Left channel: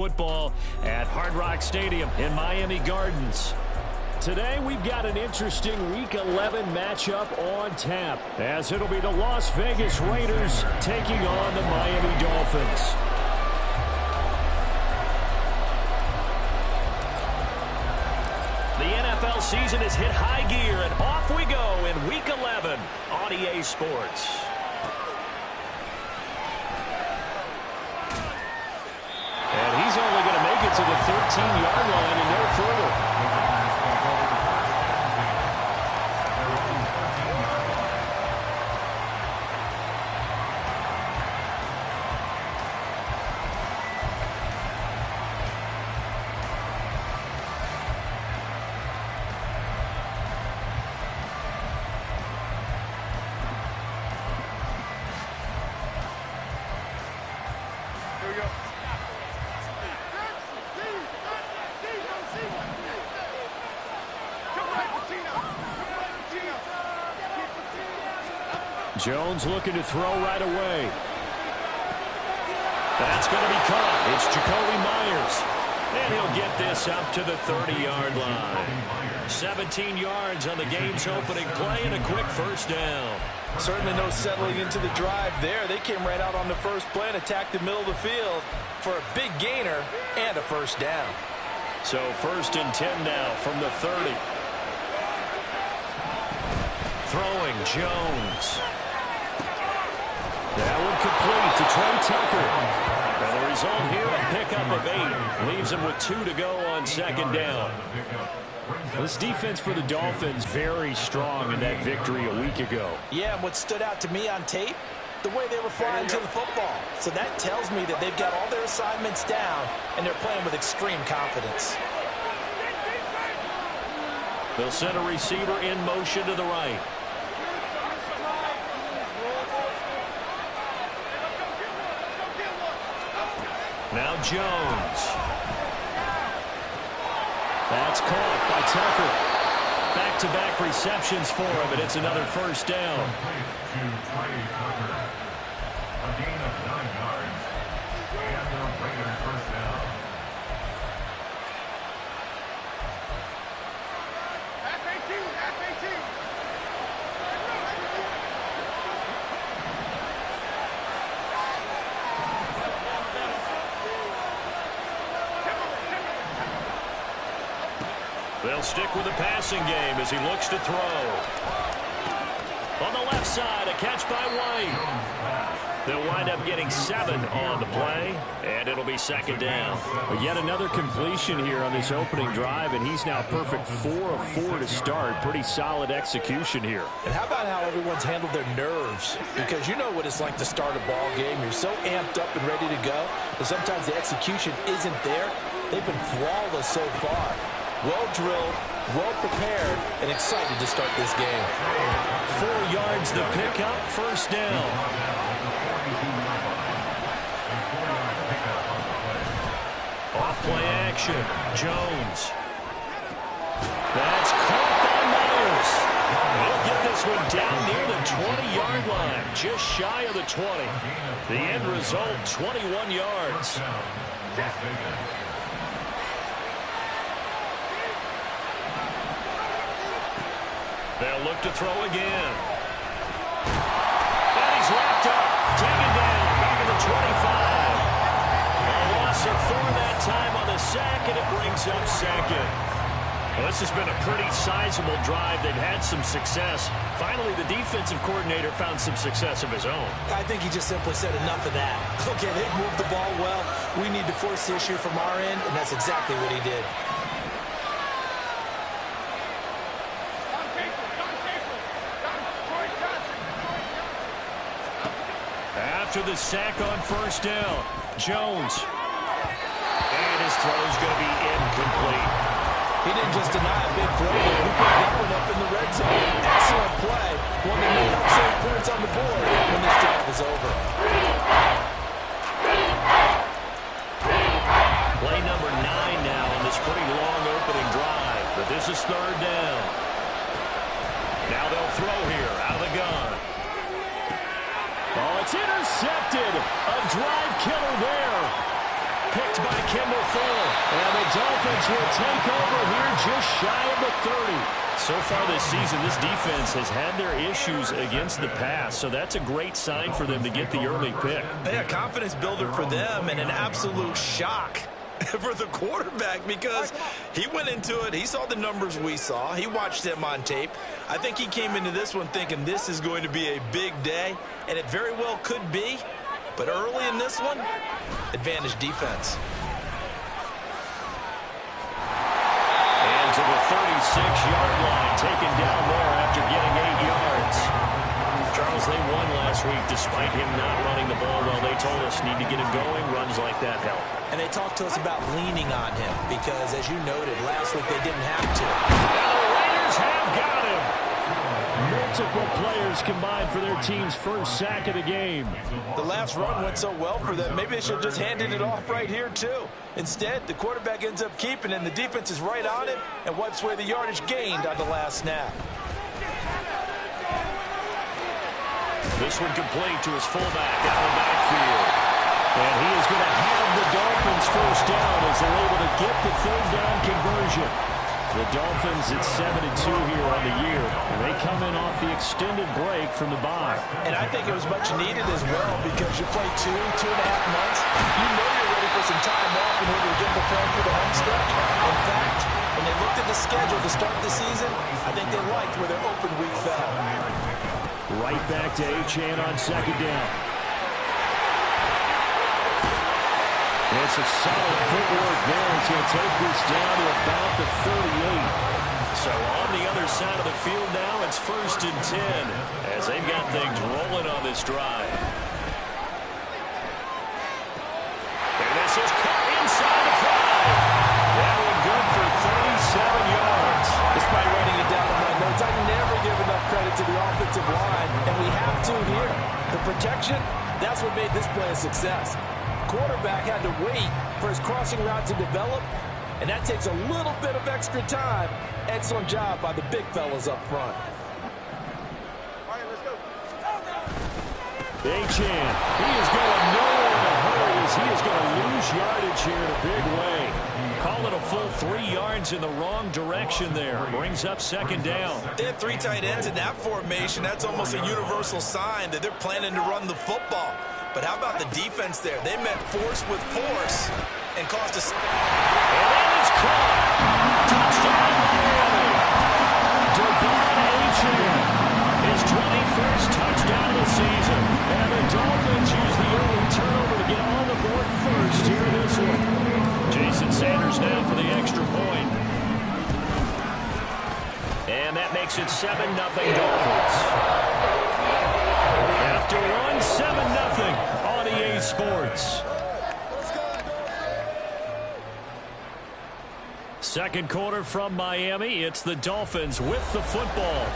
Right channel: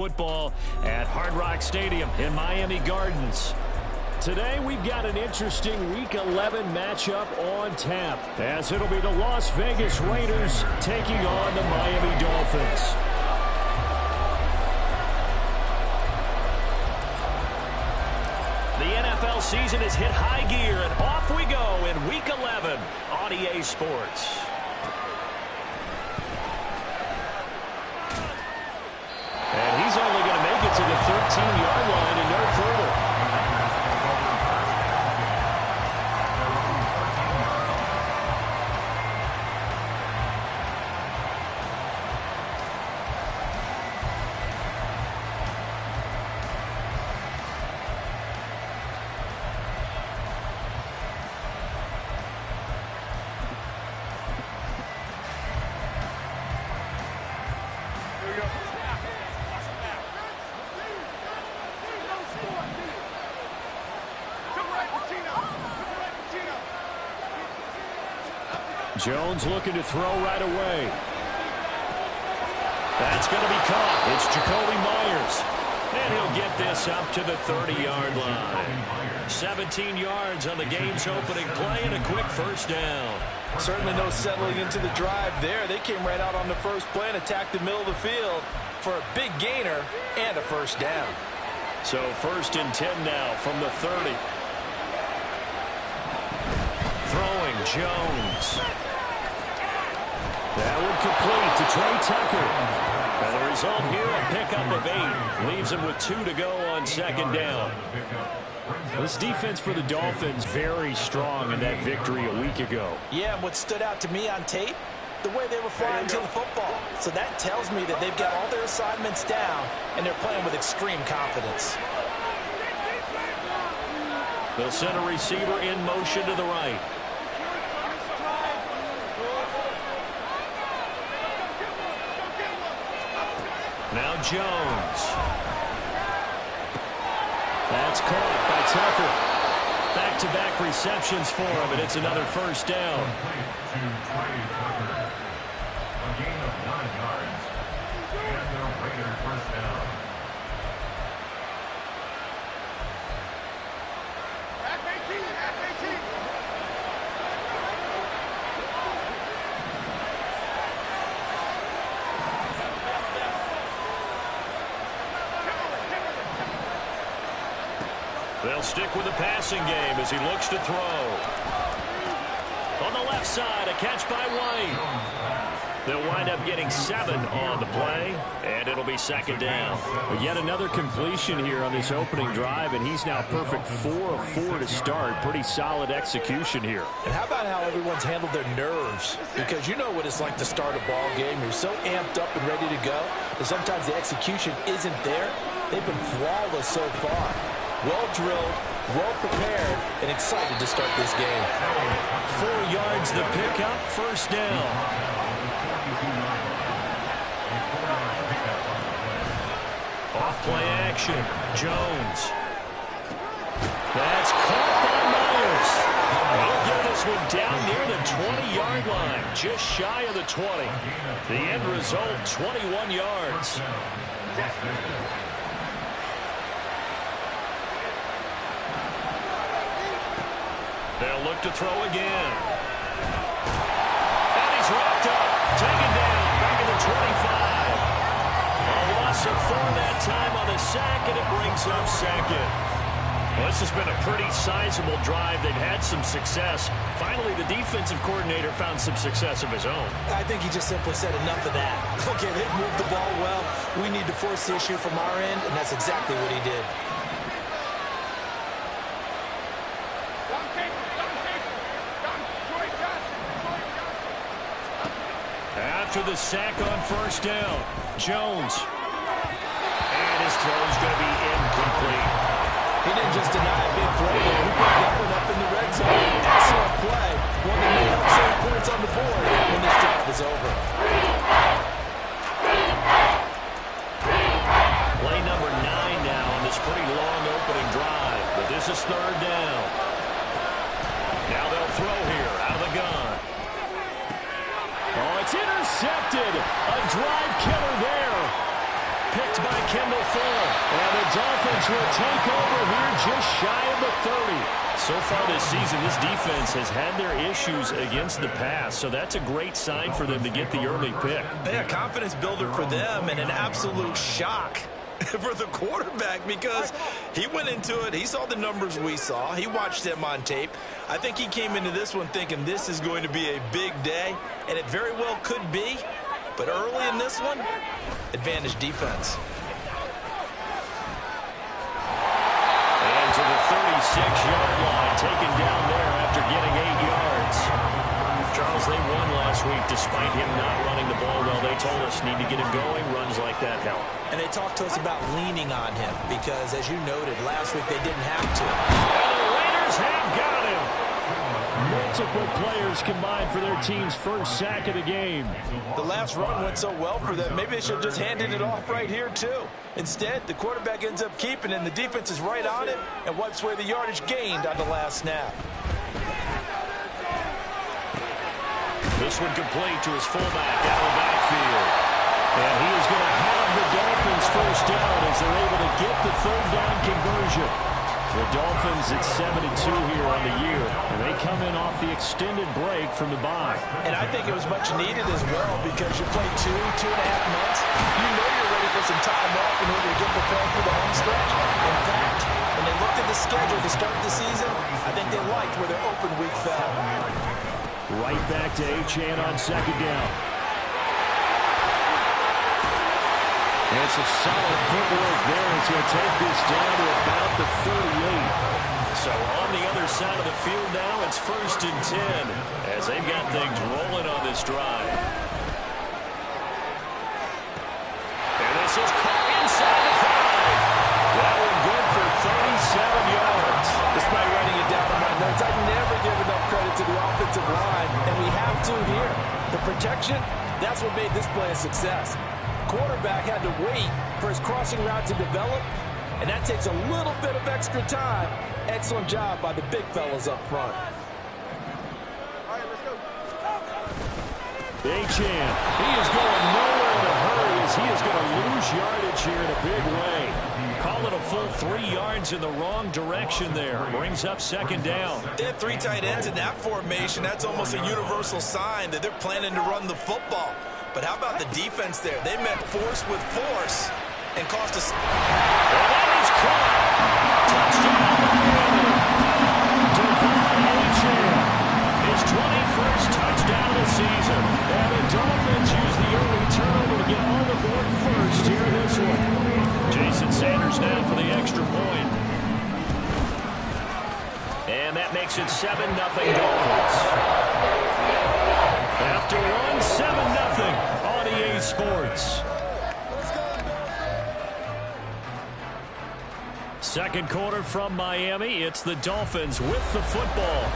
Football at Hard Rock Stadium in Miami Gardens. Today we've got an interesting Week 11 matchup on tap, as it'll be the Las Vegas Raiders taking on the Miami Dolphins. The NFL season has hit high gear, and off we go in Week 11 on EA Sports. And he's only going to make it to the 13-yard line and no further. Jones looking to throw right away. That's going to be caught. It's Jacoby Myers. And he'll get this up to the 30-yard line. 17 yards on the game's opening play and a quick first down. Certainly no settling into the drive there. They came right out on the first play and attacked the middle of the field for a big gainer and a first down. So 1st and 10 now from the 30. Throwing Jones. That would complete to Trey Tucker. And the result here, a pickup of 8. Leaves him with 2 to go on 2nd down. This defense for the Dolphins, very strong in that victory a week ago. Yeah, and what stood out to me on tape, the way they were flying to the football. So that tells me that they've got all their assignments down, and they're playing with extreme confidence. They'll send a receiver in motion to the right. Now Jones. That's caught by Tucker. Back-to-back receptions for him, and it's another first down. To Trey Tucker. A gain of 9 yards. And the Raiders first down. F-18. They'll stick with the passing game as he looks to throw. On the left side, a catch by White. They'll wind up getting 7 on the play, and it'll be 2nd down. But yet another completion here on this opening drive, and he's now perfect 4 of 4 to start. Pretty solid execution here. And how about how everyone's handled their nerves? Because you know what it's like to start a ball game. You're so amped up and ready to go, and sometimes the execution isn't there. They've been flawless so far. Well drilled, well prepared, and excited to start this game. 4 yards the pickup, first down. Off play action, Jones. That's caught by Myers. He'll get this one down near the 20-yard line, just shy of the 20. The end result, 21 yards. They'll look to throw again. And he's wrapped up. Taken down. Back at the 25. A loss of 4 that time on the sack, and it brings up 2nd. Well, this has been a pretty sizable drive. They've had some success. Finally, the defensive coordinator found some success of his own. I think he just simply said enough of that. Okay, they've moved the ball well. We need to force the issue from our end, and that's exactly what he did. After the sack on first down, Jones. And his throw's going to be incomplete. He didn't just deny a big throw, but he put that one up in the red zone. Excellent play. One that may help save points on the board when this drive is over. Play number 9 now on this pretty long opening drive. But this is 3rd down. Now they'll throw here out of the gun. Oh, it's intercepted. A drive killer there. picked by Kendall Fuller. And the Dolphins will take over here just shy of the 30. So far this season, this defense has had their issues against the pass, so that's a great sign for them to get the early pick. Yeah, confidence builder for them and an absolute shock for the quarterback because he went into it. He saw the numbers we saw. He watched them on tape. I think he came into this one thinking this is going to be a big day, and it very well could be. But early in this one, advantage defense. And to the 36-yard line, taken down there after getting 8 yards. Charles, they won last week despite him not running the ball well. They told us need to get him going. Runs like that help. And they talked to us about leaning on him because, as you noted, last week they didn't have to. And the Raiders have got him. Multiple players combined for their team's first sack of the game. The last run went so well for them. Maybe they should have just handed it off right here, too. Instead, the quarterback ends up keeping it, and the defense is right on it and wipes away the yardage gained on the last snap. This one complete to his fullback out of the backfield. And he is going to have the Dolphins first down as they're able to get the third down conversion. The Dolphins at 7-2 here on the year, and they come in off the extended break from the bye. And I think it was much needed as well because you play 2.5 months. You know you're ready for some time off in order to get prepared for the home stretch. In fact, when they looked at the schedule to start the season, I think they liked where their open week fell. Right back to Achane on second down. It's a solid footwork there as he'll take this down to about the 38. So on the other side of the field now, it's 1st and 10 as they've got things rolling on this drive. And this is caught inside the 5. That one good for 37 yards. Despite writing it down in my notes, I never give enough credit to the offensive line, and we have to here. The protection, that's what made this play a success. Quarterback had to wait for his crossing route to develop, and that takes a little bit of extra time. Excellent job by the big fellas up front. Achane, he is going nowhere in a hurry as he is going to lose yardage here in a big way. Call it a full 3 yards in the wrong direction there. Brings up second down. They have 3 tight ends in that formation. That's almost a universal sign that they're planning to run the football. But how about the defense there? They met force with force and caused us. And that is caught. Touchdown, Miami. Devon Achane, his 21st touchdown of the season. And the Dolphins use the early turnover to get on the board first here in this one. Jason Sanders now for the extra point. And that makes it 7-0 Dolphins. After one, 7-0 on EA Sports. Second quarter from Miami. It's the Dolphins with the football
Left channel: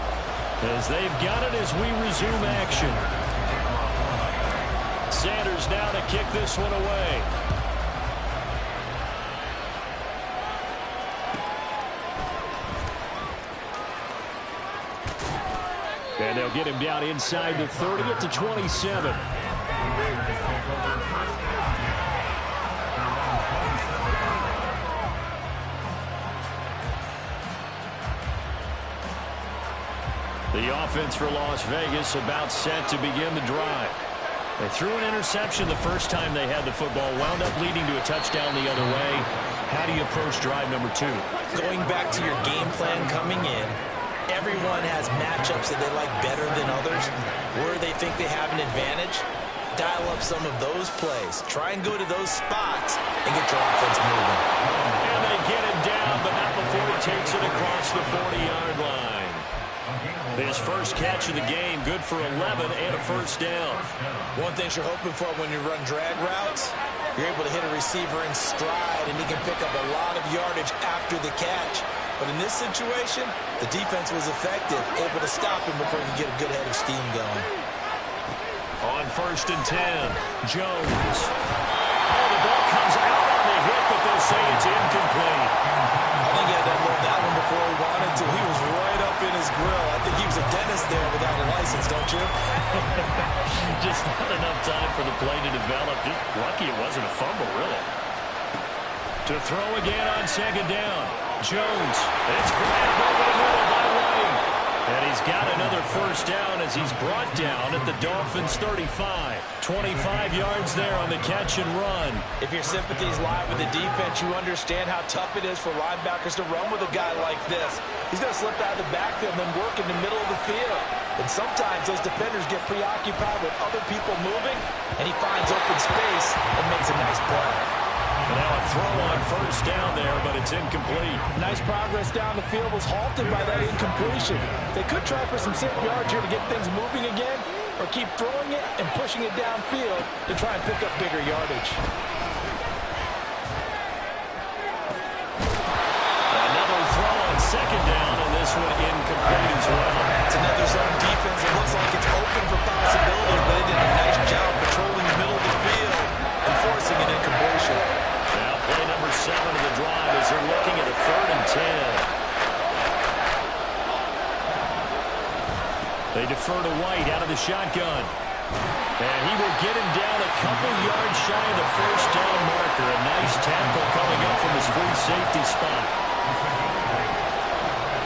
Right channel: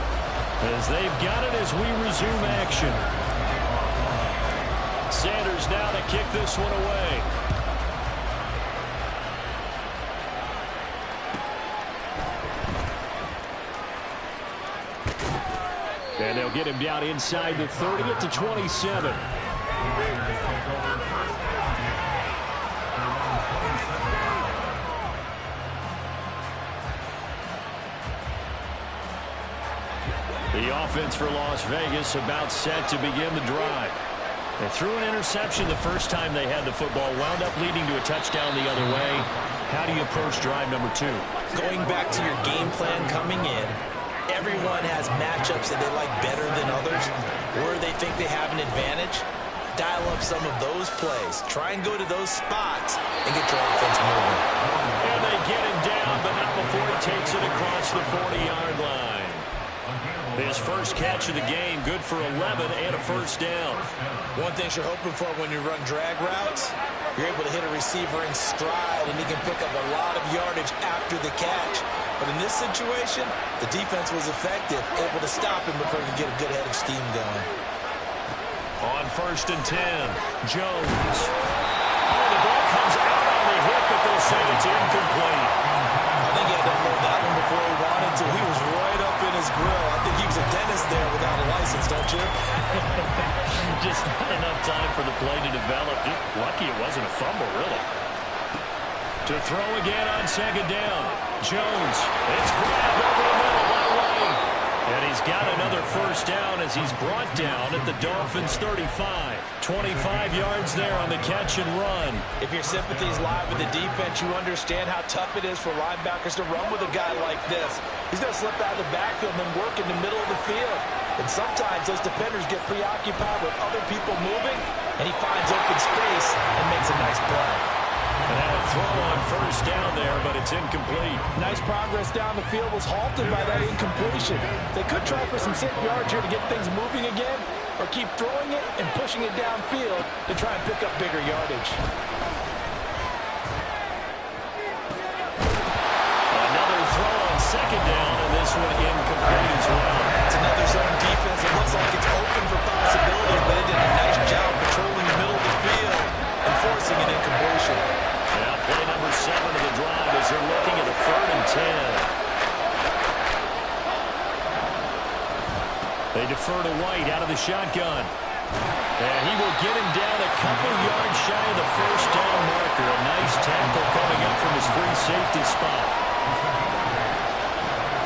as they've got it as we resume action. Sanders now to kick this one away. And they'll get him down inside the 30 at the 27. The offense for Las Vegas about set to begin the drive. They threw an interception the first time they had the football, wound up leading to a touchdown the other way. How do you approach drive number 2? Going back to your game plan coming in, everyone has matchups that they like better than others, where they think they have an advantage. Dial up some of those plays. Try and go to those spots and get your offense moving. And they get him down, but not before he takes it across the 40-yard line. His first catch of the game, good for 11 and a first down. One thing you're hoping for when you run drag routes, you're able to hit a receiver in stride, and he can pick up a lot of yardage after the catch. But in this situation, the defense was effective, able to stop him before he could get a good head of steam going. On 1st and 10, Jones. Oh, the ball comes out on the hit, but they'll say it's incomplete. I think he had to unload that one before he wanted to. He was right up in his grill. I think he was a dentist there without a license, don't you? Just not enough time for the play to develop. Just lucky it wasn't a fumble, really. To throw again on second down. Jones. It's grabbed over the middle by White. And he's got another first down as he's brought down at the Dolphins' 35. 25 yards there on the catch and run. If your sympathies lie with the defense, you understand how tough it is for linebackers to run with a guy like this. He's going to slip out of the backfield and then work in the middle of the field. And sometimes those defenders get preoccupied with other people moving, and he finds open space and makes a nice play. And now a throw on first down there, but it's incomplete. Nice progress down the field was halted by that incompletion. They could try for some safe yards here to get things moving again, or keep throwing it and pushing it downfield to try and pick up bigger yardage. Another throw on second down, and this one incomplete as well. It's another zone defense. It looks like it's open for possibilities, but they did a nice job patrolling the middle of the field and forcing an incompletion. Now play number 7 of the drive as they're looking at a 3rd and 10. They defer to White out of the shotgun. And he will get him down a couple yards shy of the first down marker. A nice tackle coming up from his free safety spot.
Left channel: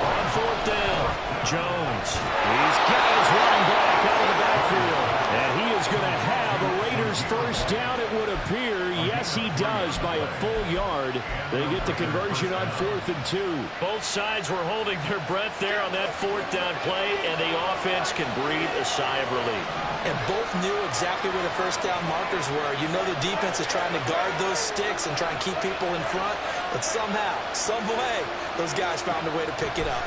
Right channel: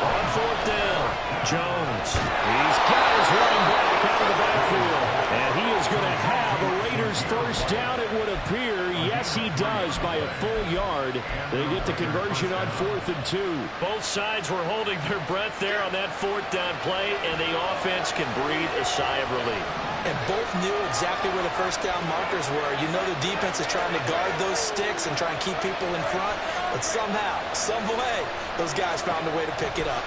On 4th down, Jones. He's got his running back out of the backfield. And he is going to have a Raiders first down, it would appear. Yes, he does by a full yard. They get the conversion on 4th and 2. Both sides were holding their breath there on that 4th down play, and the offense can breathe a sigh of relief. And both knew exactly where the first down markers were. You know the defense is trying to guard those sticks and try and keep people in front, but somehow, some way, those guys found a way to pick it up.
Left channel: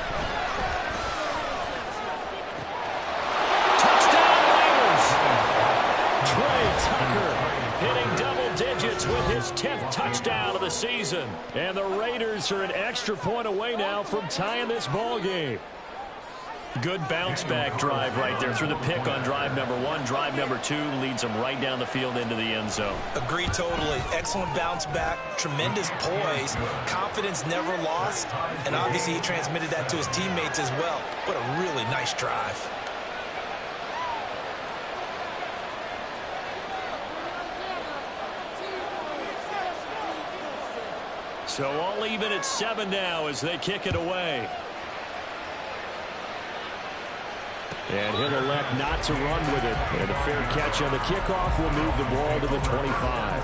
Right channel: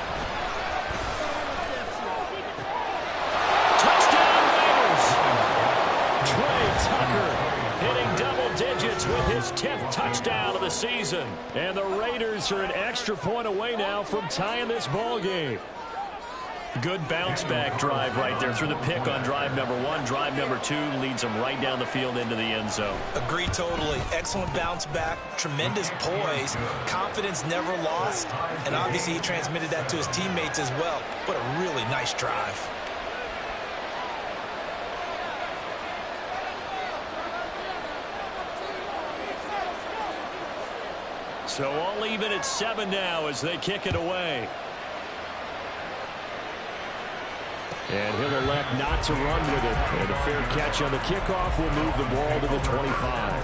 Touchdown Raiders! Trey Tucker hitting double digits with his 10th touchdown of the season. And the Raiders are an extra point away now from tying this ball game. Good bounce-back drive right there through the pick on drive number 1. Drive number 2 leads them right down the field into the end zone. Agree totally. Excellent bounce-back, tremendous poise, confidence never lost, and obviously he transmitted that to his teammates as well. What a really nice drive. So all even at 7 now as they kick it away. And he'll elect not to run with it. And a fair catch on the kickoff will move the ball to the 25.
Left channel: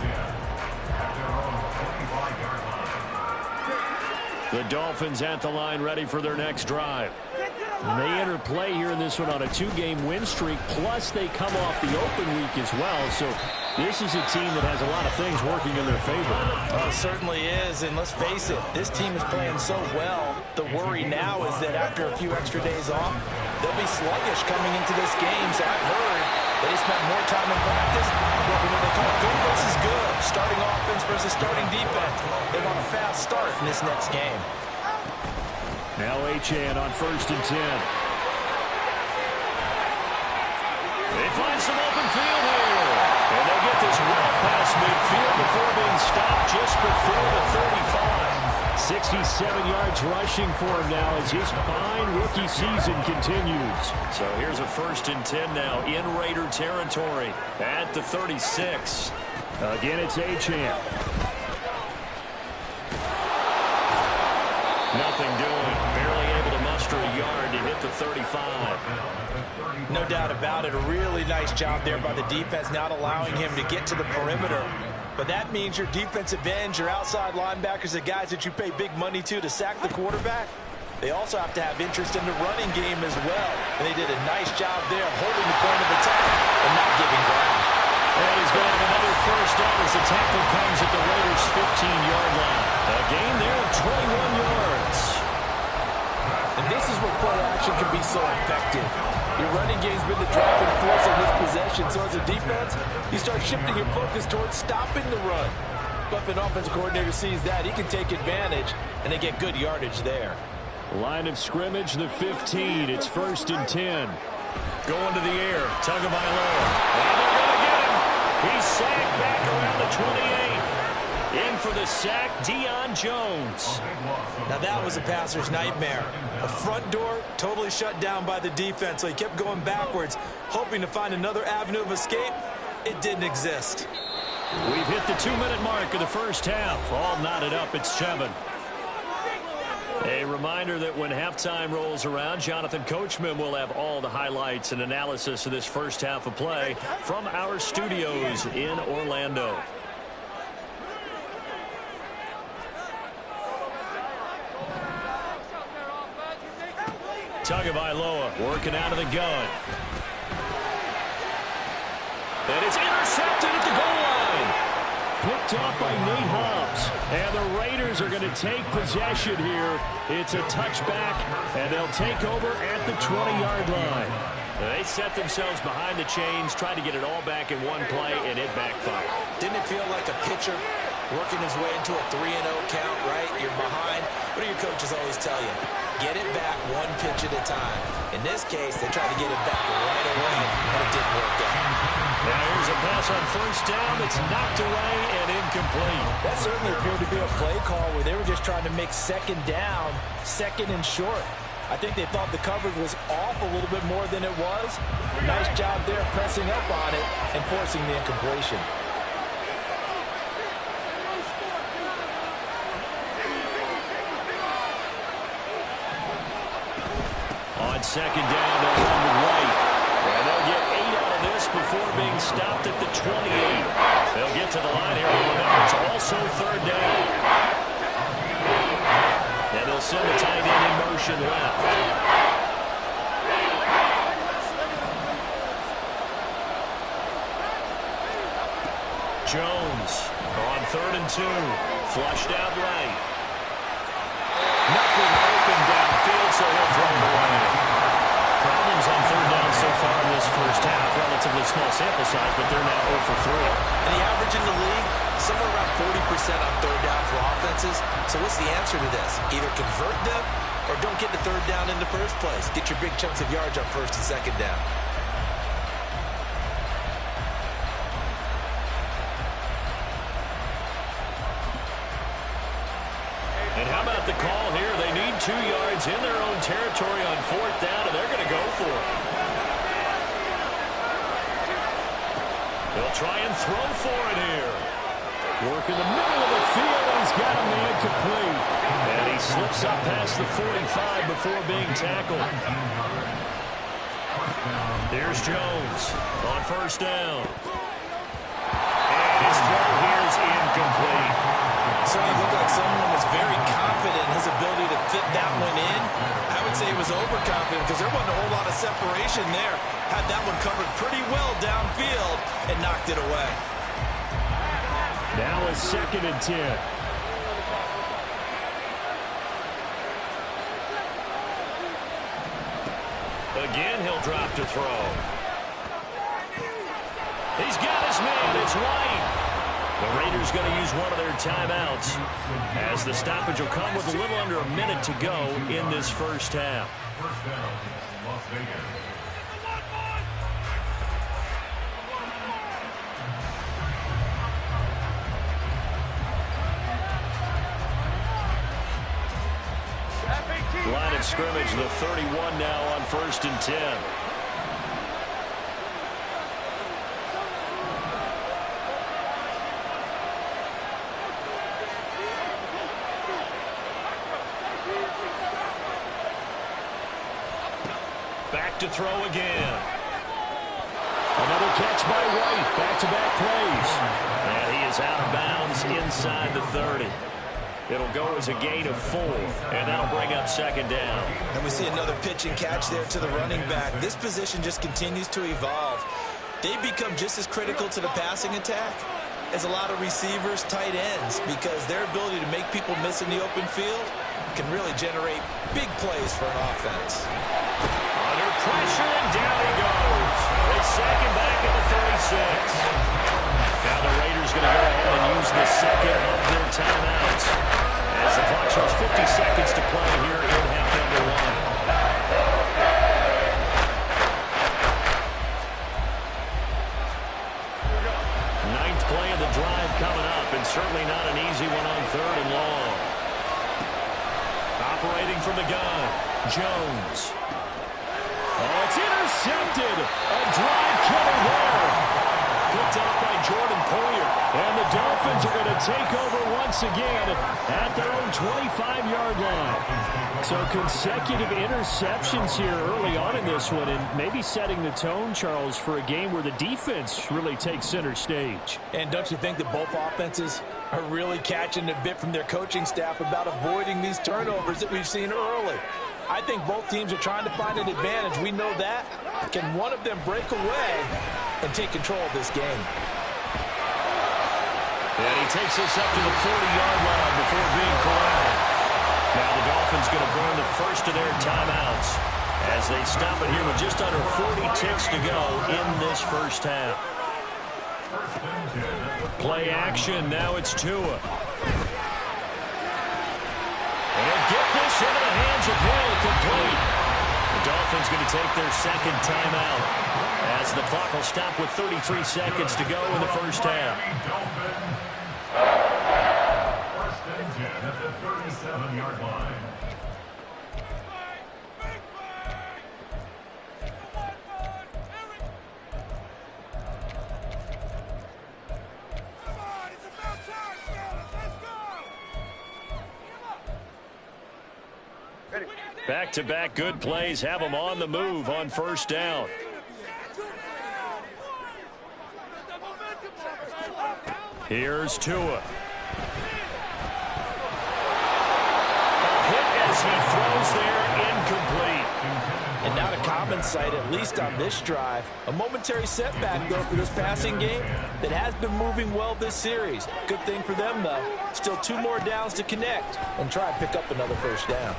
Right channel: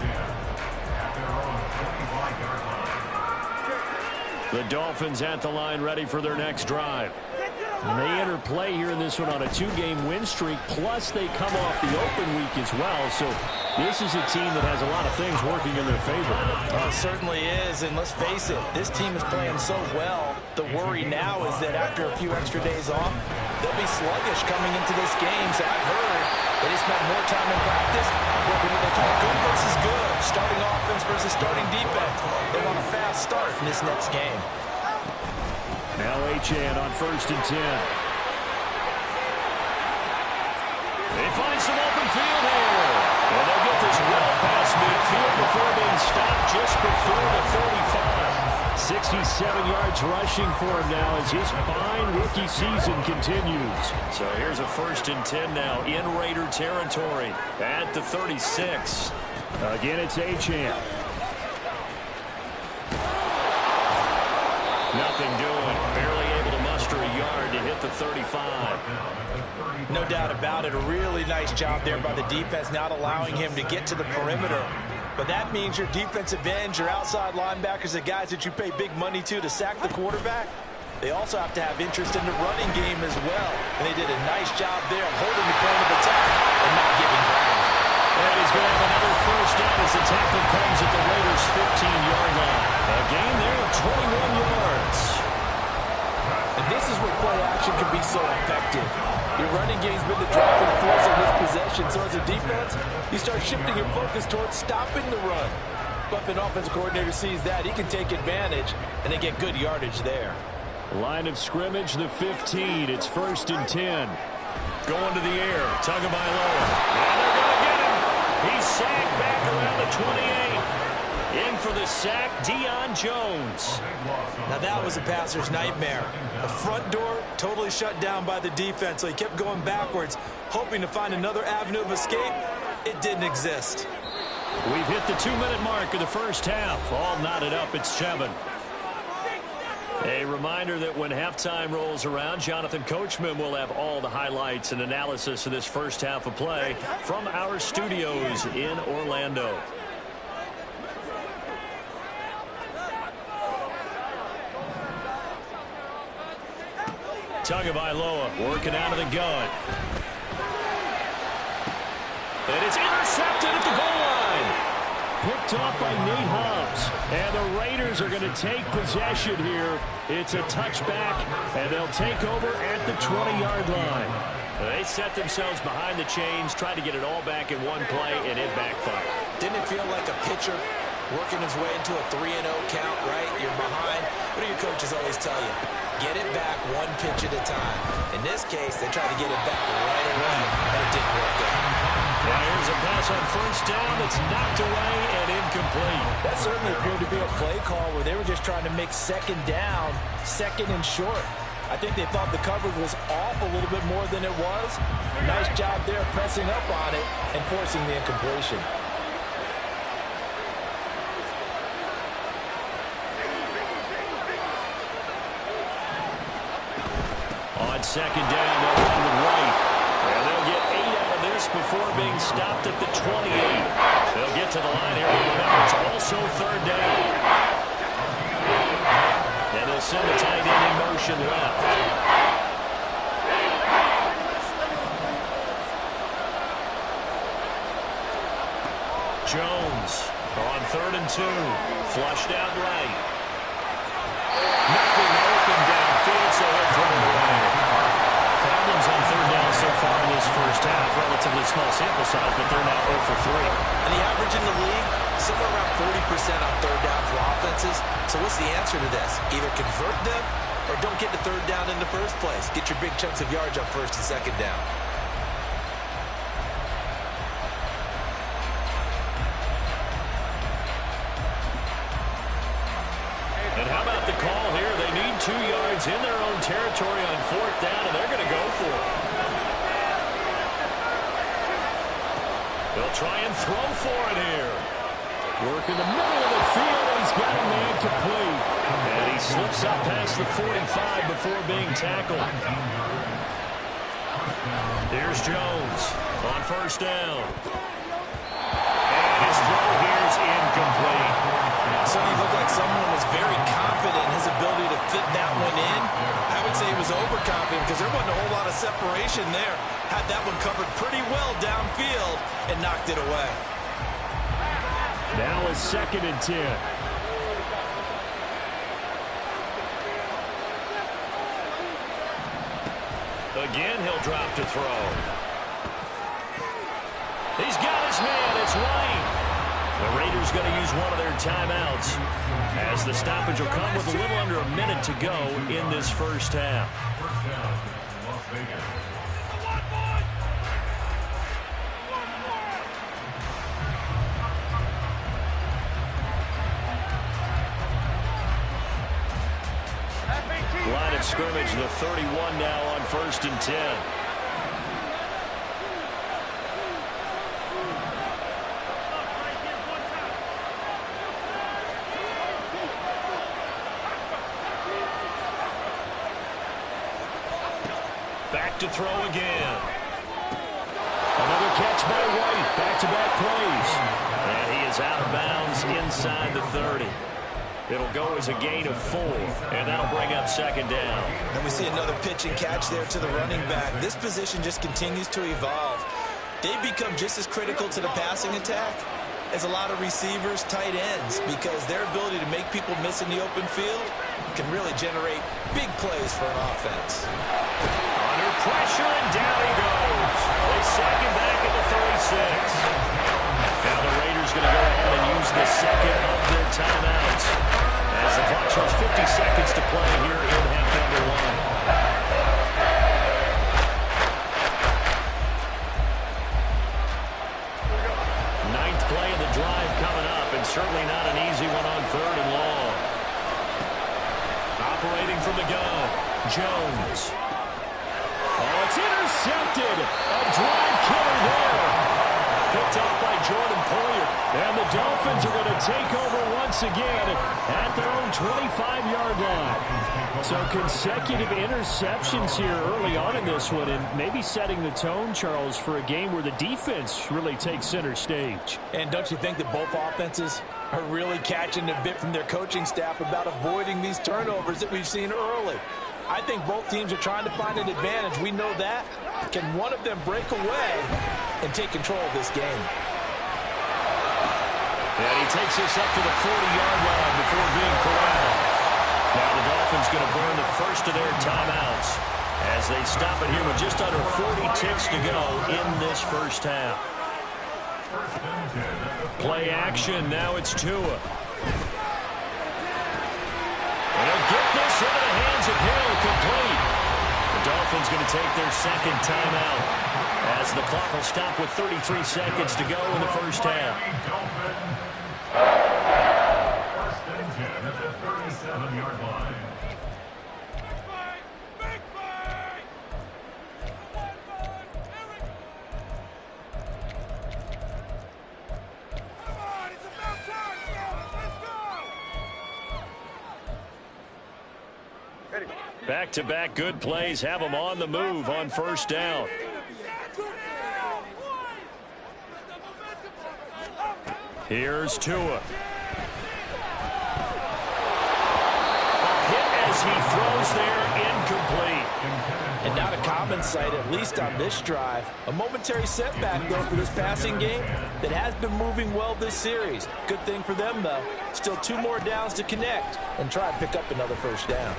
The Dolphins at the line ready for their next drive. And they enter play here in this one on a 2-game win streak, plus they come off the open week as well. So this is a team that has a lot of things working in their favor. It certainly is, and let's face it, this team is playing so well. The worry now is that after a few extra days off, they'll be sluggish coming into this game. So I've heard that they spent more time in practice working what they call good versus good, starting offense versus starting defense. They want a fast start in this next game. Now Achane on 1st and 10. They find some open field here. And they'll get this well past midfield before being stopped just before the 35. 67 yards rushing for him now as his fine rookie season continues. So here's a 1st and 10 now in Raider territory at the 36. Again, it's Achane. Nothing doing. Barely able to muster a yard to hit the 35. No doubt about it. A really nice job there by the defense, not allowing him to get to the perimeter. But that means your defensive ends, your outside linebackers, the guys that you pay big money to sack the quarterback, they also have to have interest in the running game as well. And they did a nice job there of holding the point of attack and not giving ground. And he's going to have another first down as the tackle comes at the Raiders' 15-yard line. A gain there of 21 yards. And this is where play action can be so effective. Your running game's been the driving force on this possession. So as a defense, you start shifting your focus towards stopping the run. But if an offensive coordinator sees that, he can take advantage, and they get good yardage there. Line of scrimmage, the 15. It's 1st and 10. Going to the air. Tagovailoa. And they're going to get him. He's sacked back around the 28. In for the sack, Deion Jones. Now that was a passer's nightmare. The front door totally shut down by the defense, so he kept going backwards, hoping to find another avenue of escape. It didn't exist. We've hit the 2-minute mark of the first half. All knotted up at 7. A reminder that when halftime rolls around, Jonathan Coachman will have all the highlights and analysis of this first half of play from our studios in Orlando. Tagovailoa working out of the gun. And it's intercepted at the goal line. Picked off by Nate Hobbs. And the Raiders are going to take possession here. It's a touchback, and they'll take over at the 20-yard line. They set themselves behind the chains, tried to get it all back in one play, and it backfired. Didn't it feel like a pitcher working his way into a 3-0 count, right? You're behind. What do your coaches always tell you? Get it back one pitch at a time. In this case, they tried to get it back right away, and it didn't work out. Now here's a pass on first down that's knocked away and incomplete. That certainly appeared to be a play call where they were just trying to make second down, second and short. I think they thought the coverage was off a little bit more than it was. Nice job there pressing up on it and forcing the incompletion. On second down, they'll run with White. And they'll get 8 out of this before being stopped at the 28. They'll get to the line here. Remember, it's also third down. And they'll send the tight end in motion left. Jones on 3rd and 2. Flushed out right. Nothing open downfield, so he'll throw it away. Problems on third down so far in this first half. Relatively small sample size, but they're now 0 for 3. And the average in the league, somewhere around 40% on third down for offenses. So what's the answer to this? Either convert them or don't get the third down in the first place. Get your big chunks of yards on first and second down. And how about the call here? They need 2 yards in their own territory on 4th down, and they're going to go for it. They'll try and throw for it here. Work in the middle of the field, and he's got a man complete. And he slips up past the 45 before being tackled. Here's Jones on first down. And his throw here is incomplete. Certainly looked like someone was very confident in his ability to fit that one in. I would say he was overconfident because there wasn't a whole lot of separation there. Had that one covered pretty well downfield and knocked it away. Now it's 2nd and 10. Again, he'll drop to throw. He's got his man. It's White. The Raiders going to use one of their timeouts as the stoppage will come with a little under a minute to go in this first half. First down, Las Vegas. Line of scrimmage, the 31 now on 1st and 10. Back to throw again. Another catch by White. Back-to-back plays. And he is out of bounds inside the 30. It'll go as a gain of 4, and that'll bring up 2nd down. And we see another pitch and catch there to the running back. This position just continues to evolve. They become just as critical to the passing attack as a lot of receivers, tight ends, because their ability to make people miss in the open field can really generate big plays for an offense. Under pressure, and down he goes. They sack him back at the 36. Now the Raiders going to go ahead and use the second of their timeouts as the clock shows 50 seconds to play here in half number 1. Ninth play of the drive coming up, and certainly not an easy one on 3rd and long. Operating from the gun, Jones. Oh, it's intercepted. A drive killer there. Picked off by Jordan Poyer. And the Dolphins are going to take over once again at their own 25-yard line. So consecutive interceptions here early on in this one, and maybe setting the tone, Charles, for a game where the defense really takes center stage. And don't you think that both offenses are really catching a bit from their coaching staff about avoiding these turnovers that we've seen early? I think both teams are trying to find an advantage. We know that. Can one of them break away and take control of this game? And he takes us up to the 40-yard line before being corralled. Now the Dolphins going to burn the first of their timeouts as they stop it here with just under 40 ticks to go in this first half. Play action. Now it's Tua. And he'll get this into the hands of Hill, complete. The Dolphins going to take their second timeout as the clock will stop with 33 seconds to go in the first half. First and 10 at the 37-yard line. Back-to-back good plays have them on the move on first down. Here's Tua. A hit as he throws there, incomplete. And not a common sight, at least on this drive. A momentary setback, though, for this passing game that has been moving well this series. Good thing for them, though. Still 2 more downs to connect and try and pick up another first down.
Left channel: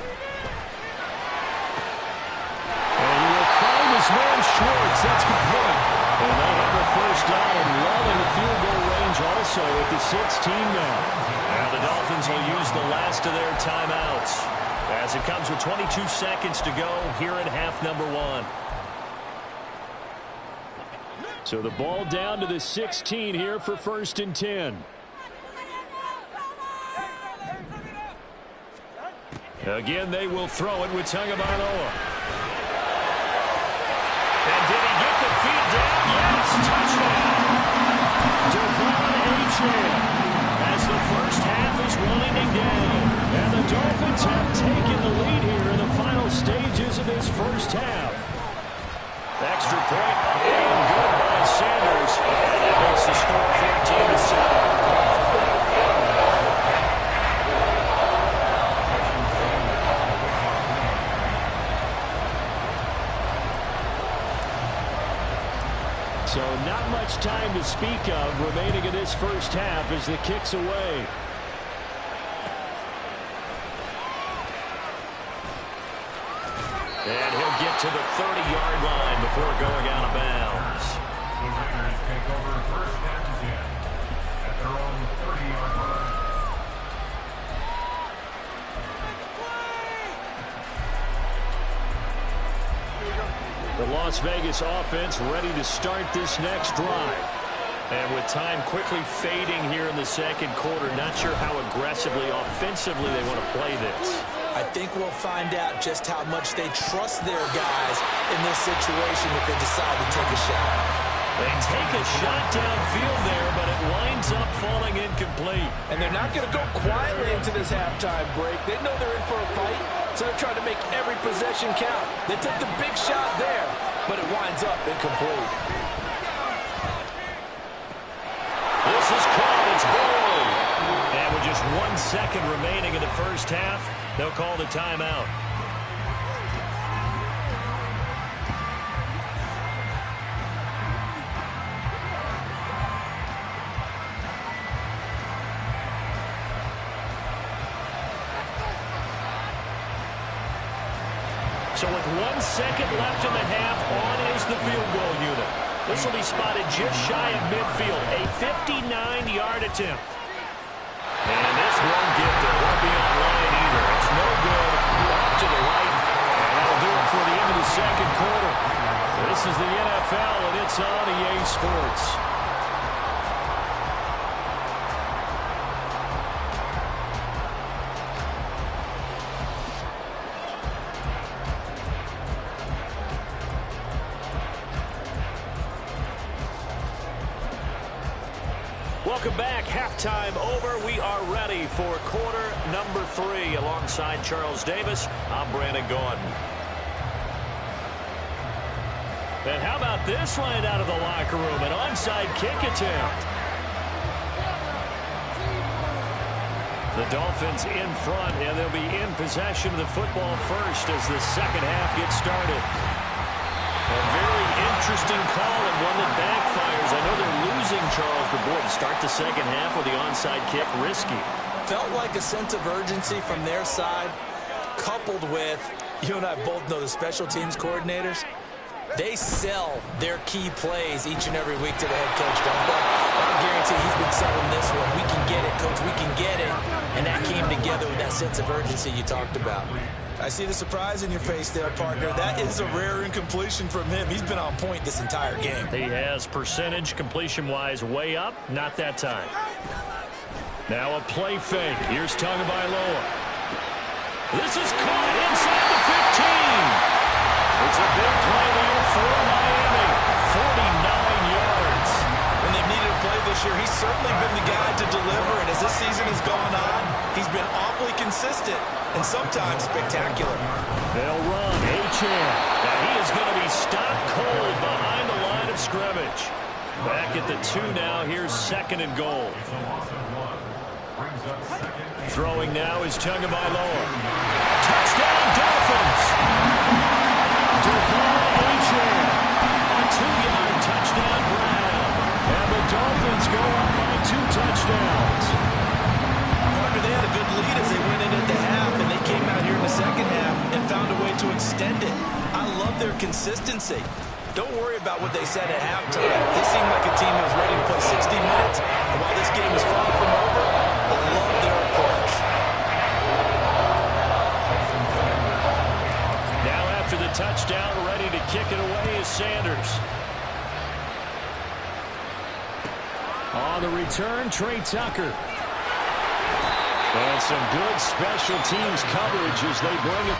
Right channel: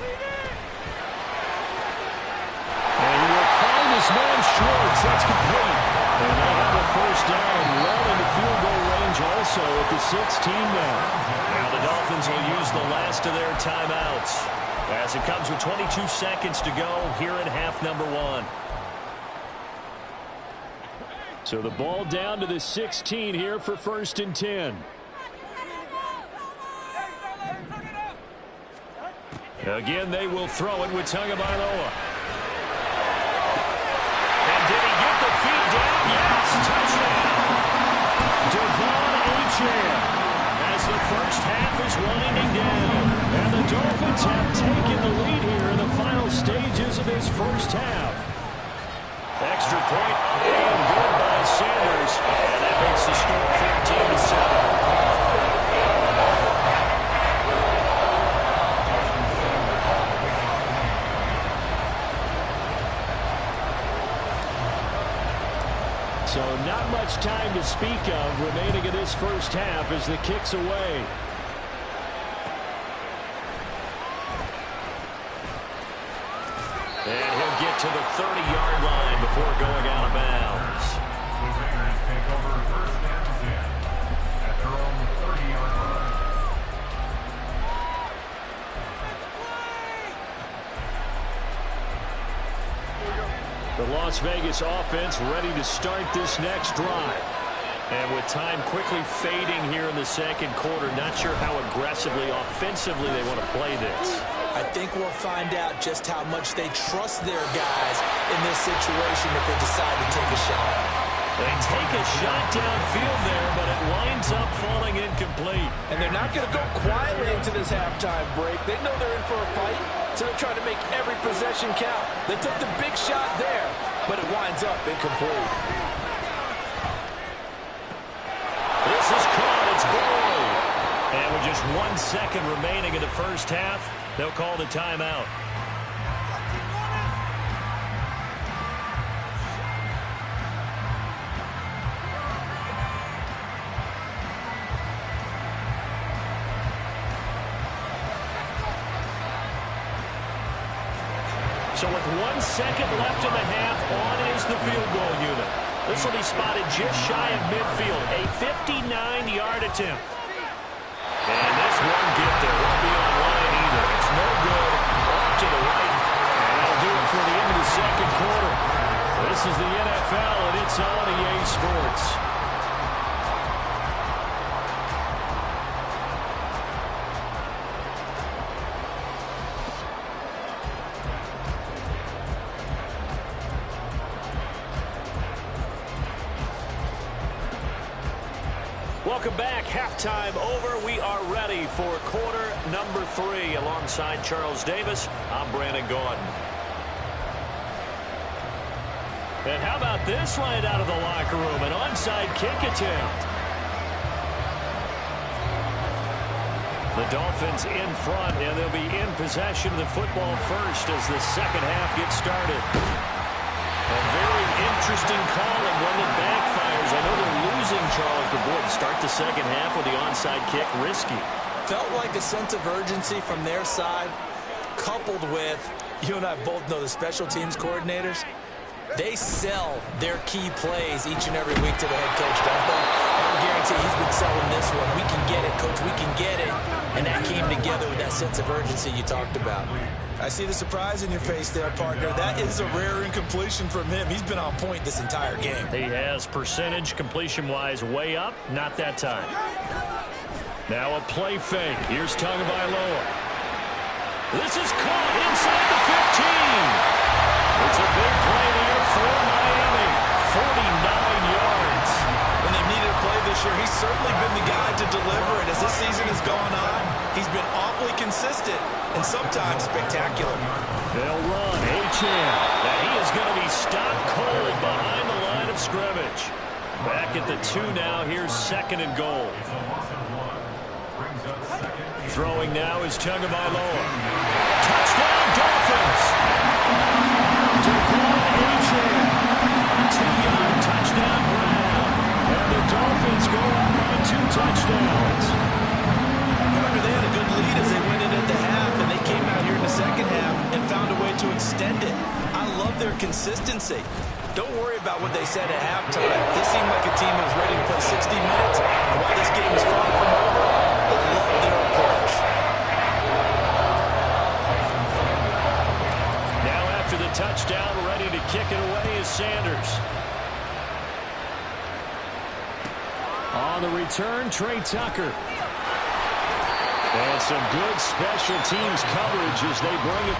And he will find his man Schwartz. That's complete. And they have a first down and well into field goal range also at the 16 now. Now the Dolphins will use the last of their timeouts as it comes with 22 seconds to go here in half number 1. So the ball down to the 16 here for first and 10. Again, they will throw it with Tagovailoa. And did he get the feet down? Yes, touchdown. Devon Achane as the first half is winding down. And the Dolphins have taken the lead here in the final stages of this first half. Extra point up and good by Sanders. And that makes the score 14-7. So not much time to speak of remaining in this first half as the kick's away. And he'll get to the 30-yard line before going out of bounds. The Raiders take over first and 10 at their own 30-yard line. The Las Vegas offense ready to start this next drive. And with time quickly fading here in the second quarter, not sure how aggressively, offensively they want to play this. I think we'll find out just how much they trust their guys in this situation if they decide to take a shot. They take a shot downfield there, but it winds up falling incomplete. And they're not going to go quietly into this halftime break. They know they're in for a fight, so they're trying to make every possession count. They took the big shot there, but it winds up incomplete. This is caught. It's Boyd. And with just 1 second remaining in the first half, they'll call the timeout. So with 1 second left in the half, on is the field goal unit. This will be spotted just shy of midfield, a 59-yard attempt. And this won't get there, won't be on line either. It's no good, off to the right, and that'll do it for the end of the second quarter. This is the NFL, and it's on EA Sports. Welcome back. Halftime over. We are ready for quarter number 3. Alongside Charles Davis, I'm Brandon Gaudin. And how about this right out of the locker room? An onside kick attempt. The Dolphins in front, and they'll be in possession of the football first as the second half gets started. A very interesting call and one that backfires. I know they're losing, Charles, but boy, to start the second half with the onside kick, risky. Felt like a sense of urgency from their side, coupled with, you and I both know the special teams coordinators, they sell their key plays each and every week to the head coach, don't they? And I guarantee he's been selling this one. We can get it, coach, we can get it. And that came together with that sense of urgency you talked about. I see the surprise in your face there, partner. That is a rare incompletion from him. He's been on point this entire game. He has percentage completion-wise way up. Not that time. Now a play fake. Here's Tagovailoa. This is caught inside the 15. It's a big play there for Miami. 49 yards. When they've needed a play this year, he's certainly been the guy to deliver. And as this season has gone on, he's been awfully consistent and sometimes spectacular. They'll run Achane. Now he is going to be stopped cold behind the line of scrimmage. Back at the 2 now. Here's second and goal. Throwing now is Tagovailoa. Touchdown, Dolphins! Devon Achane. A 2-yard touchdown grab. And the Dolphins go up by 2 touchdowns. Partner, they had a good lead as they went in at the half, and they came out here in the second half and found a way to extend it. I love their consistency. Don't worry about what they said at halftime. This seemed like a team that was ready to play 60 minutes. And while this game is far from over, I love their approach. Now after the touchdown, ready to kick it away is Sanders. On the return, Trey Tucker. And some good special teams coverage as they bring it.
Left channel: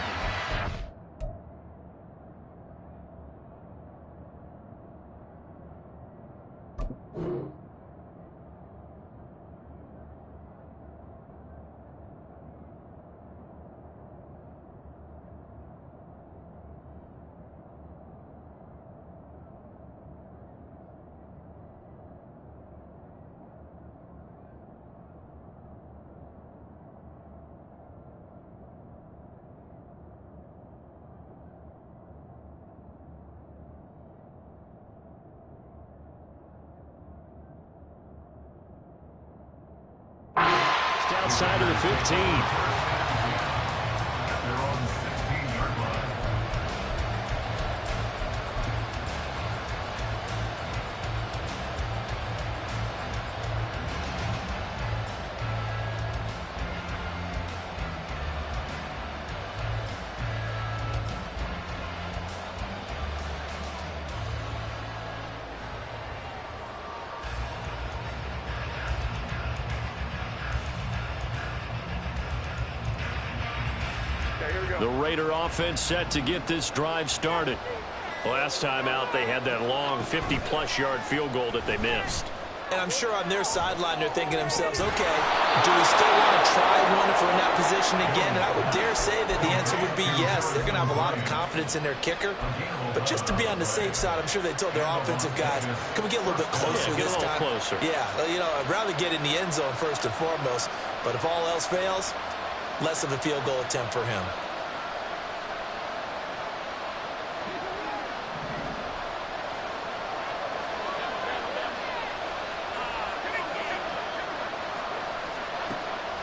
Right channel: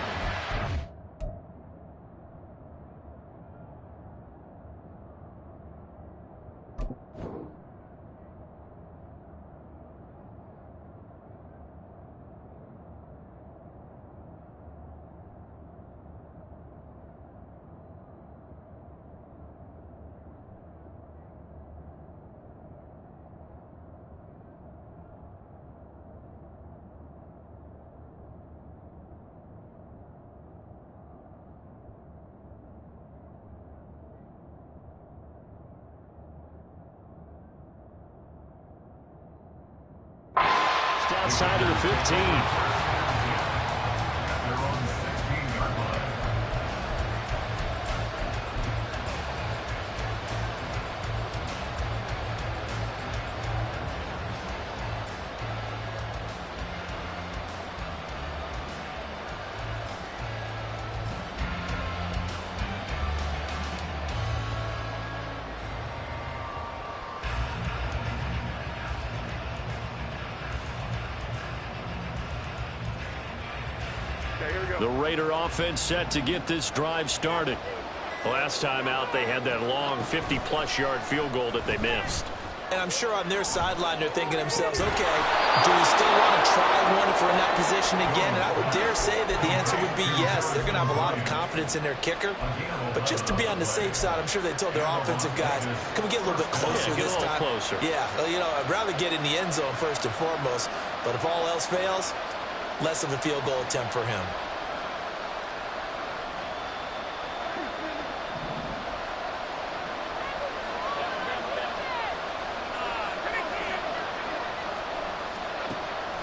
Outside of the 15. They're on the 16-yard line. The Raider offense set to get this drive started. Last time out, they had that long 50-plus yard field goal that they missed. And I'm sure on their sideline, they're thinking to themselves, okay, do we still want to try one if we're in that position again? And I would dare say that the answer would be yes. They're going to have a lot of confidence in their kicker. But just to be on the safe side, I'm sure they told their offensive guys, can we get a little bit closer this time? Closer. Yeah, well, you know, I'd rather get in the end zone first and foremost. But if all else fails, less of a field goal attempt for him.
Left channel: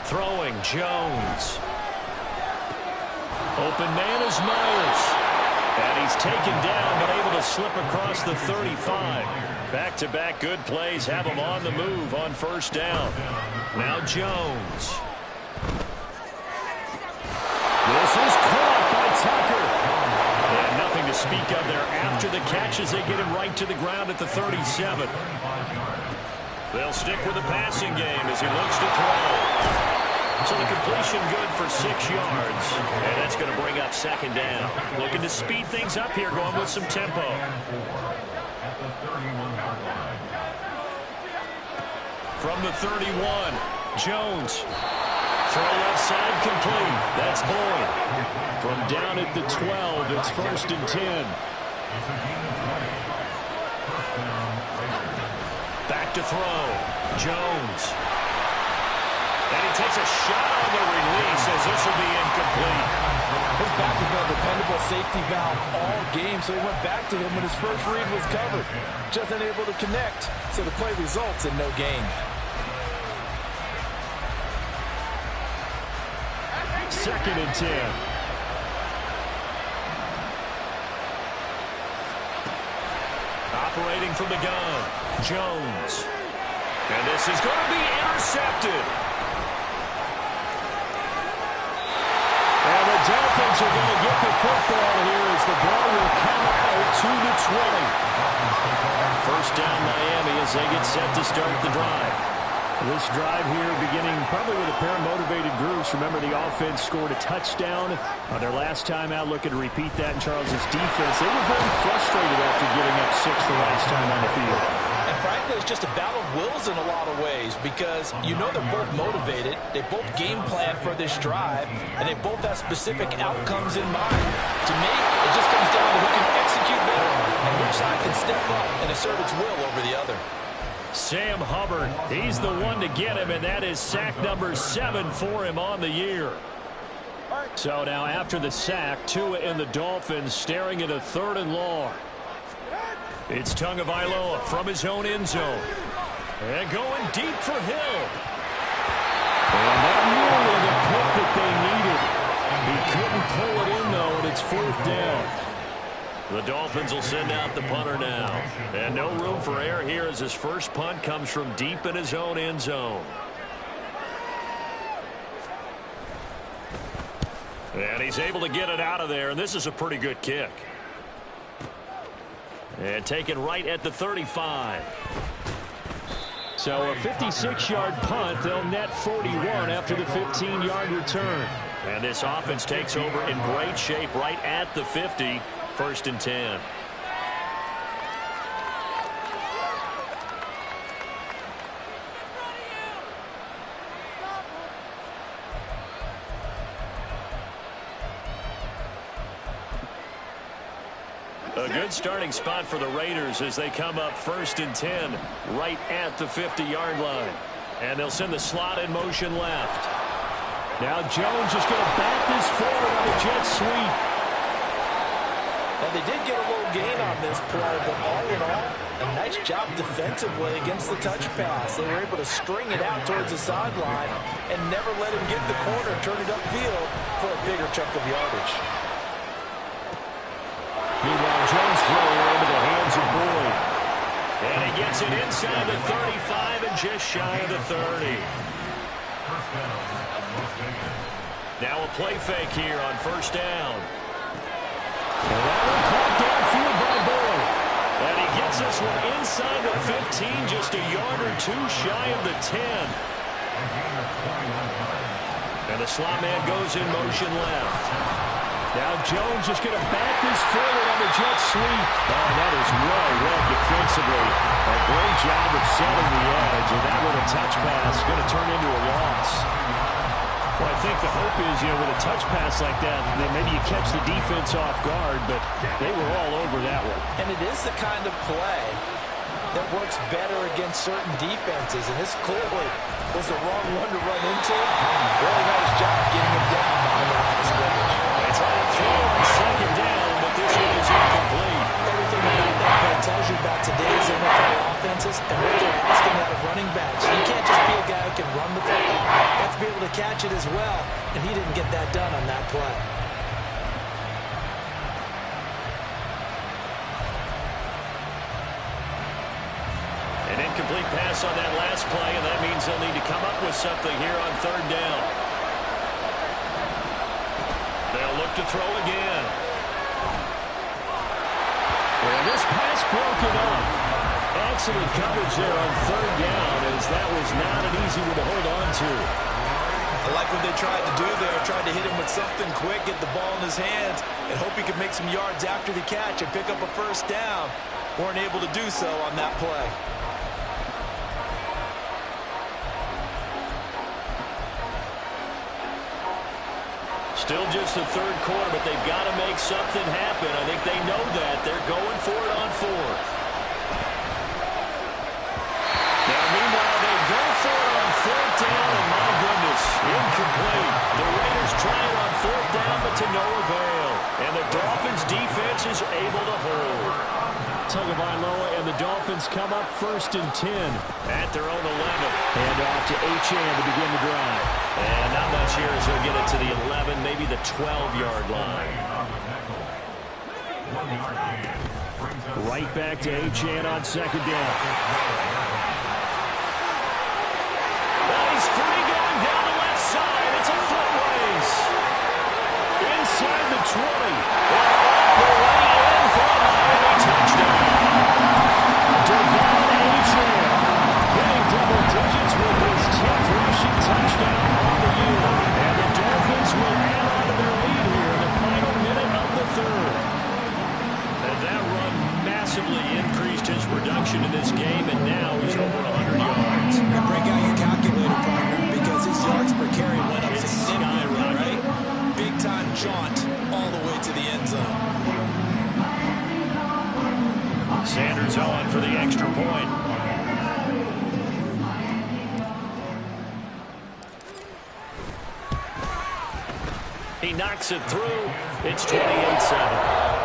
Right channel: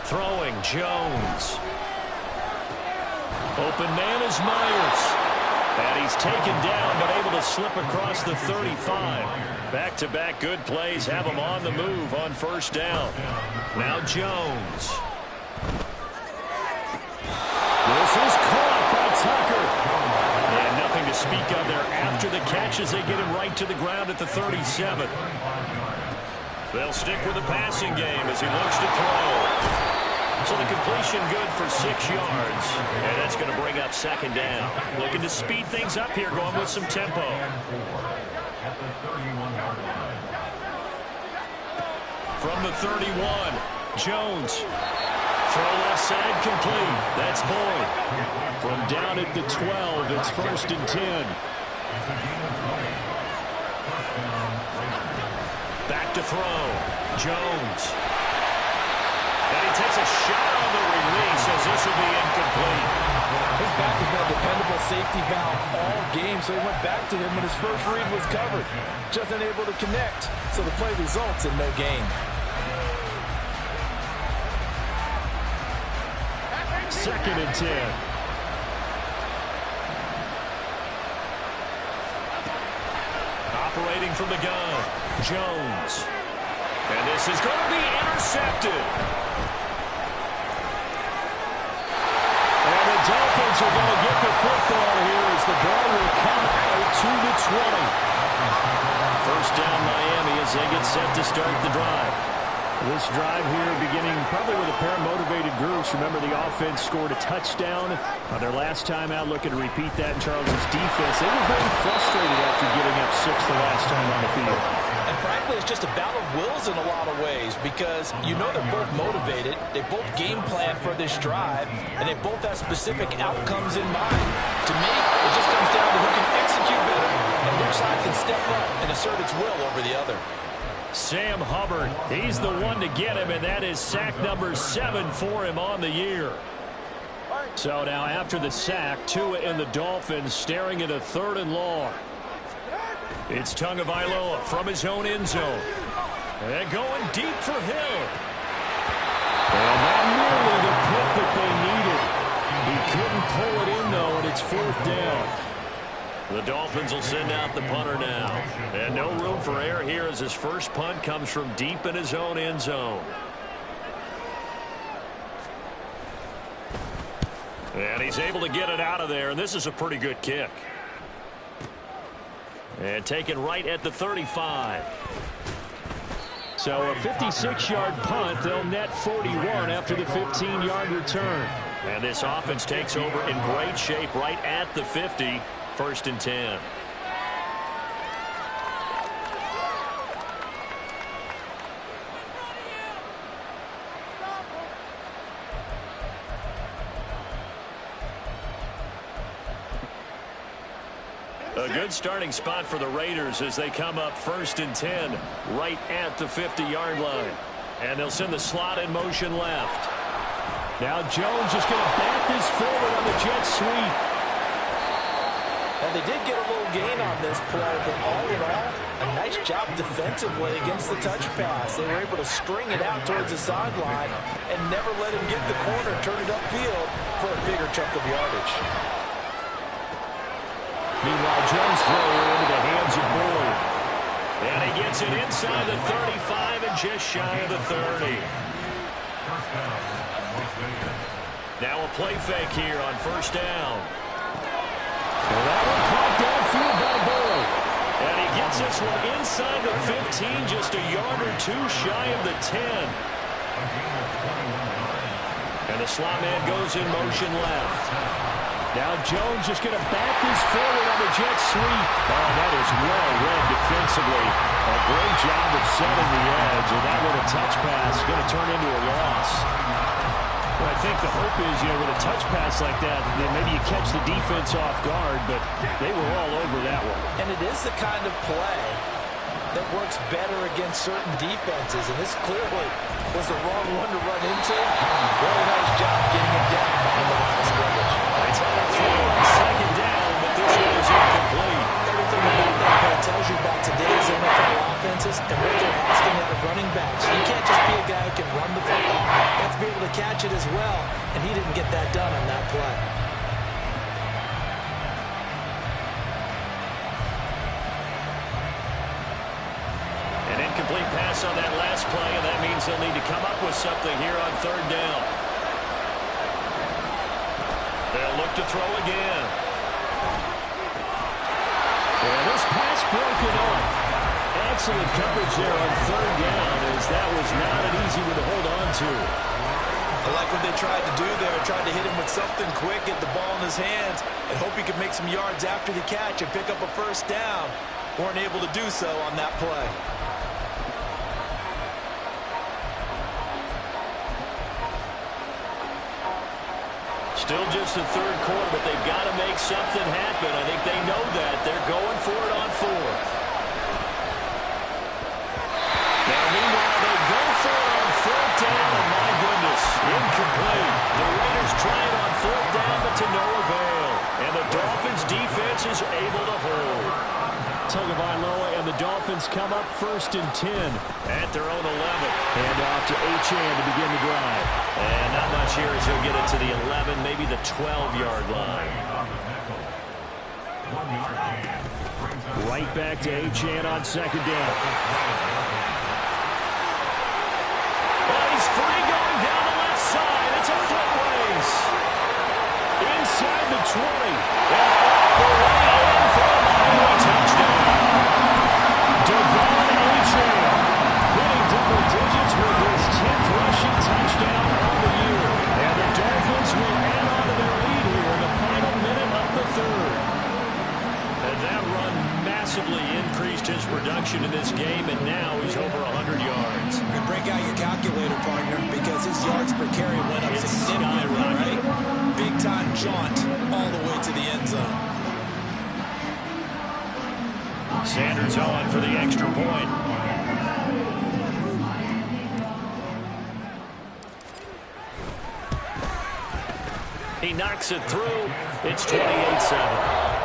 Throwing, Jones. Open man is Myers. And he's taken down, but able to slip across the 35. Back-to-back good plays have him on the move on first down. Now Jones. This is caught by Tucker. And nothing to speak of there after the catch as they get him right to the ground at the 37. They'll stick with the passing game as he looks to throw. So the completion good for 6 yards. And that's going to bring up second down. Looking to speed things up here, going with some tempo. From the 31, Jones. Throw left side complete. That's Boyd. From down at the 12, it's 1st and 10. Back to throw. Jones. And he takes a shot on the release as this will be incomplete. His back has been a dependable safety valve all game, so he went back to him when his first read was covered. Just unable to connect, so the play results in no gain. 2nd and 10. Operating from the gun, Jones. And this is going to be intercepted. And the Dolphins are going to get the football here as the ball will come out to the 20. First down Miami as they get set to start the drive. This drive here beginning probably with a pair of motivated groups. Remember, the offense scored a touchdown their last time out, looking to repeat that in Charles' defense. They were very frustrated after giving up 6 the last time on the field. And frankly, it's just a battle of wills in a lot of ways because you know they're both motivated, they both game plan for this drive, and they both have specific outcomes in mind. To me, it just comes down to who can execute better and which side can step up and assert its will over the other. Sam Hubbard, he's the one to get him, and that is sack number 7 for him on the year. So now after the sack, Tua and the Dolphins staring at a 3rd and long. It's Tagovailoa from his own end zone. And going deep for Hill. And that nearly the pick that they needed. He couldn't pull it in, though, and it's 4th down. The Dolphins will send out the punter now. And no room for error here as his first punt comes from deep in his own end zone. And he's able to get it out of there, and this is a pretty good kick. And taken right at the 35. So a 56-yard punt. They'll net 41 after the 15-yard return. And this offense takes over in great shape right at the 50. 1st and 10. A good starting spot for the Raiders as they come up 1st and 10 right at the 50-yard line. And they'll send the slot in motion left. Now Jones is going to bat this forward on the jet sweep. Now, they did get a little gain on this play, but all in all, a nice job defensively against the touch pass. They were able to string it out towards the sideline and never let him get the corner and turn it upfield for a bigger chunk of yardage. Meanwhile, Jones' throw here into the hands of Boyd. And he gets it inside the 35 and just shy of the 30. Now a play fake here on 1st down. And that one caught downfield by Boyd. And he gets this one inside the 15, just a yard or 2 shy of the 10. And the slot man goes in motion left. Now Jones just going to bat this forward on the jet sweep. Oh, that is well read defensively. A great job of setting the edge, and that with a touch pass is going to turn into a loss. Well, I think the hope is, with a touch pass like that, then maybe you catch the defense off guard, but they were all over that one. And it is the kind of play that works better against certain defenses, and this clearly was the wrong one to run into. Really nice job getting it down behind the line of scrimmage. They try to throw on 2nd down, but this one is incomplete. Everything about that play tells you about today's NFL offenses and what they're asking out of running backs. You can't just be a guy who can run the football. You have to be able to catch it as well, and he didn't get that done on that play. An incomplete pass on that last play, and that means they'll need to come up with something here on 3rd down. They'll look to throw again. And this pass broken up. Excellent coverage there on 3rd down, as that was not an easy one to hold on to. I like what they tried to do there, tried to hit him with something quick, get the ball in his hands, and hope he could make some yards after the catch and pick up a 1st down. Weren't able to do so on that play. Still just the third quarter, but they've got to make something happen. I think they know that. They're going for it on fourth. Now, meanwhile, they go for it on fourth down, and my goodness, incomplete. The Raiders try it on fourth down, but to no avail. And the Dolphins' defense is able to hold. Tagovailoa and the Dolphins come up 1st and 10 at their own 11. And off to Achane to begin the drive. And not much here as he'll get it to the 11, maybe the 12-yard line. Right back to Achane on 2nd down. Well, he's free going down the left side. It's a foot race. Inside the 20. And all the way in for a Miami touchdown. Devon Achane hitting double digits with his 10th rushing touchdown on the year. And the Dolphins will add on to their lead here in the final minute of the third. And that run massively increased his production in this game, and now he's over 100 yards. And break out your calculator, partner, because his yards per carry went up significantly, right? Big-time jaunt all the way to the end zone. Sanders on for the extra point. He knocks it through. It's 28-7.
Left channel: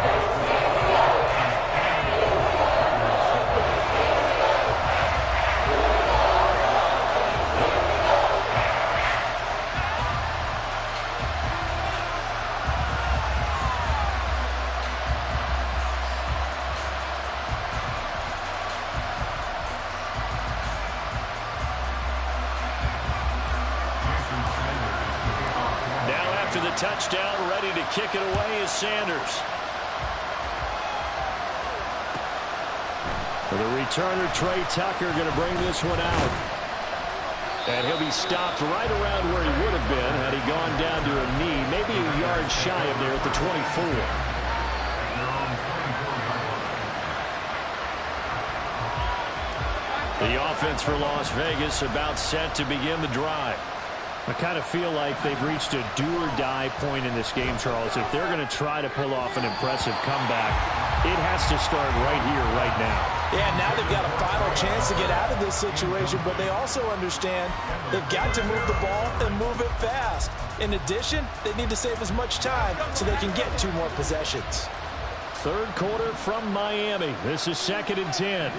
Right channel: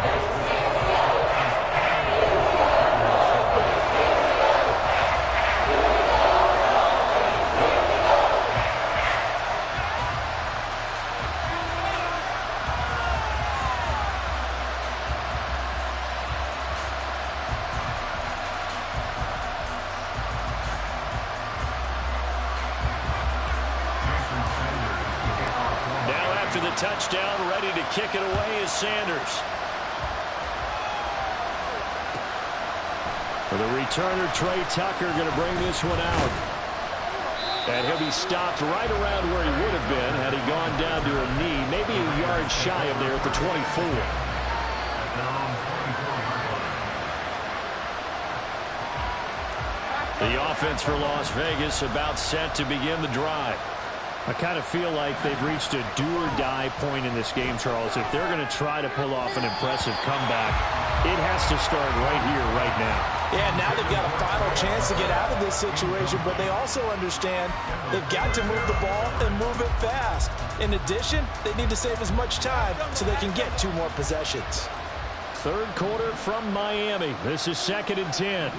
After the touchdown, ready to kick it away is Sanders. For the returner, Trey Tucker going to bring this one out. And he'll be stopped right around where he would have been had he gone down to a knee, maybe a yard shy of there at the 24. The offense for Las Vegas about set to begin the drive. I kind of feel like they've reached a do-or-die point in this game, Charles. If they're going to try to pull off an impressive comeback, it has to start right here, right now. Yeah, now they've got a final chance to get out of this situation, but they also understand they've got to move the ball and move it fast. In addition, they need to save as much time so they can get 2 more possessions. Third quarter from Miami. This is 2nd and 10.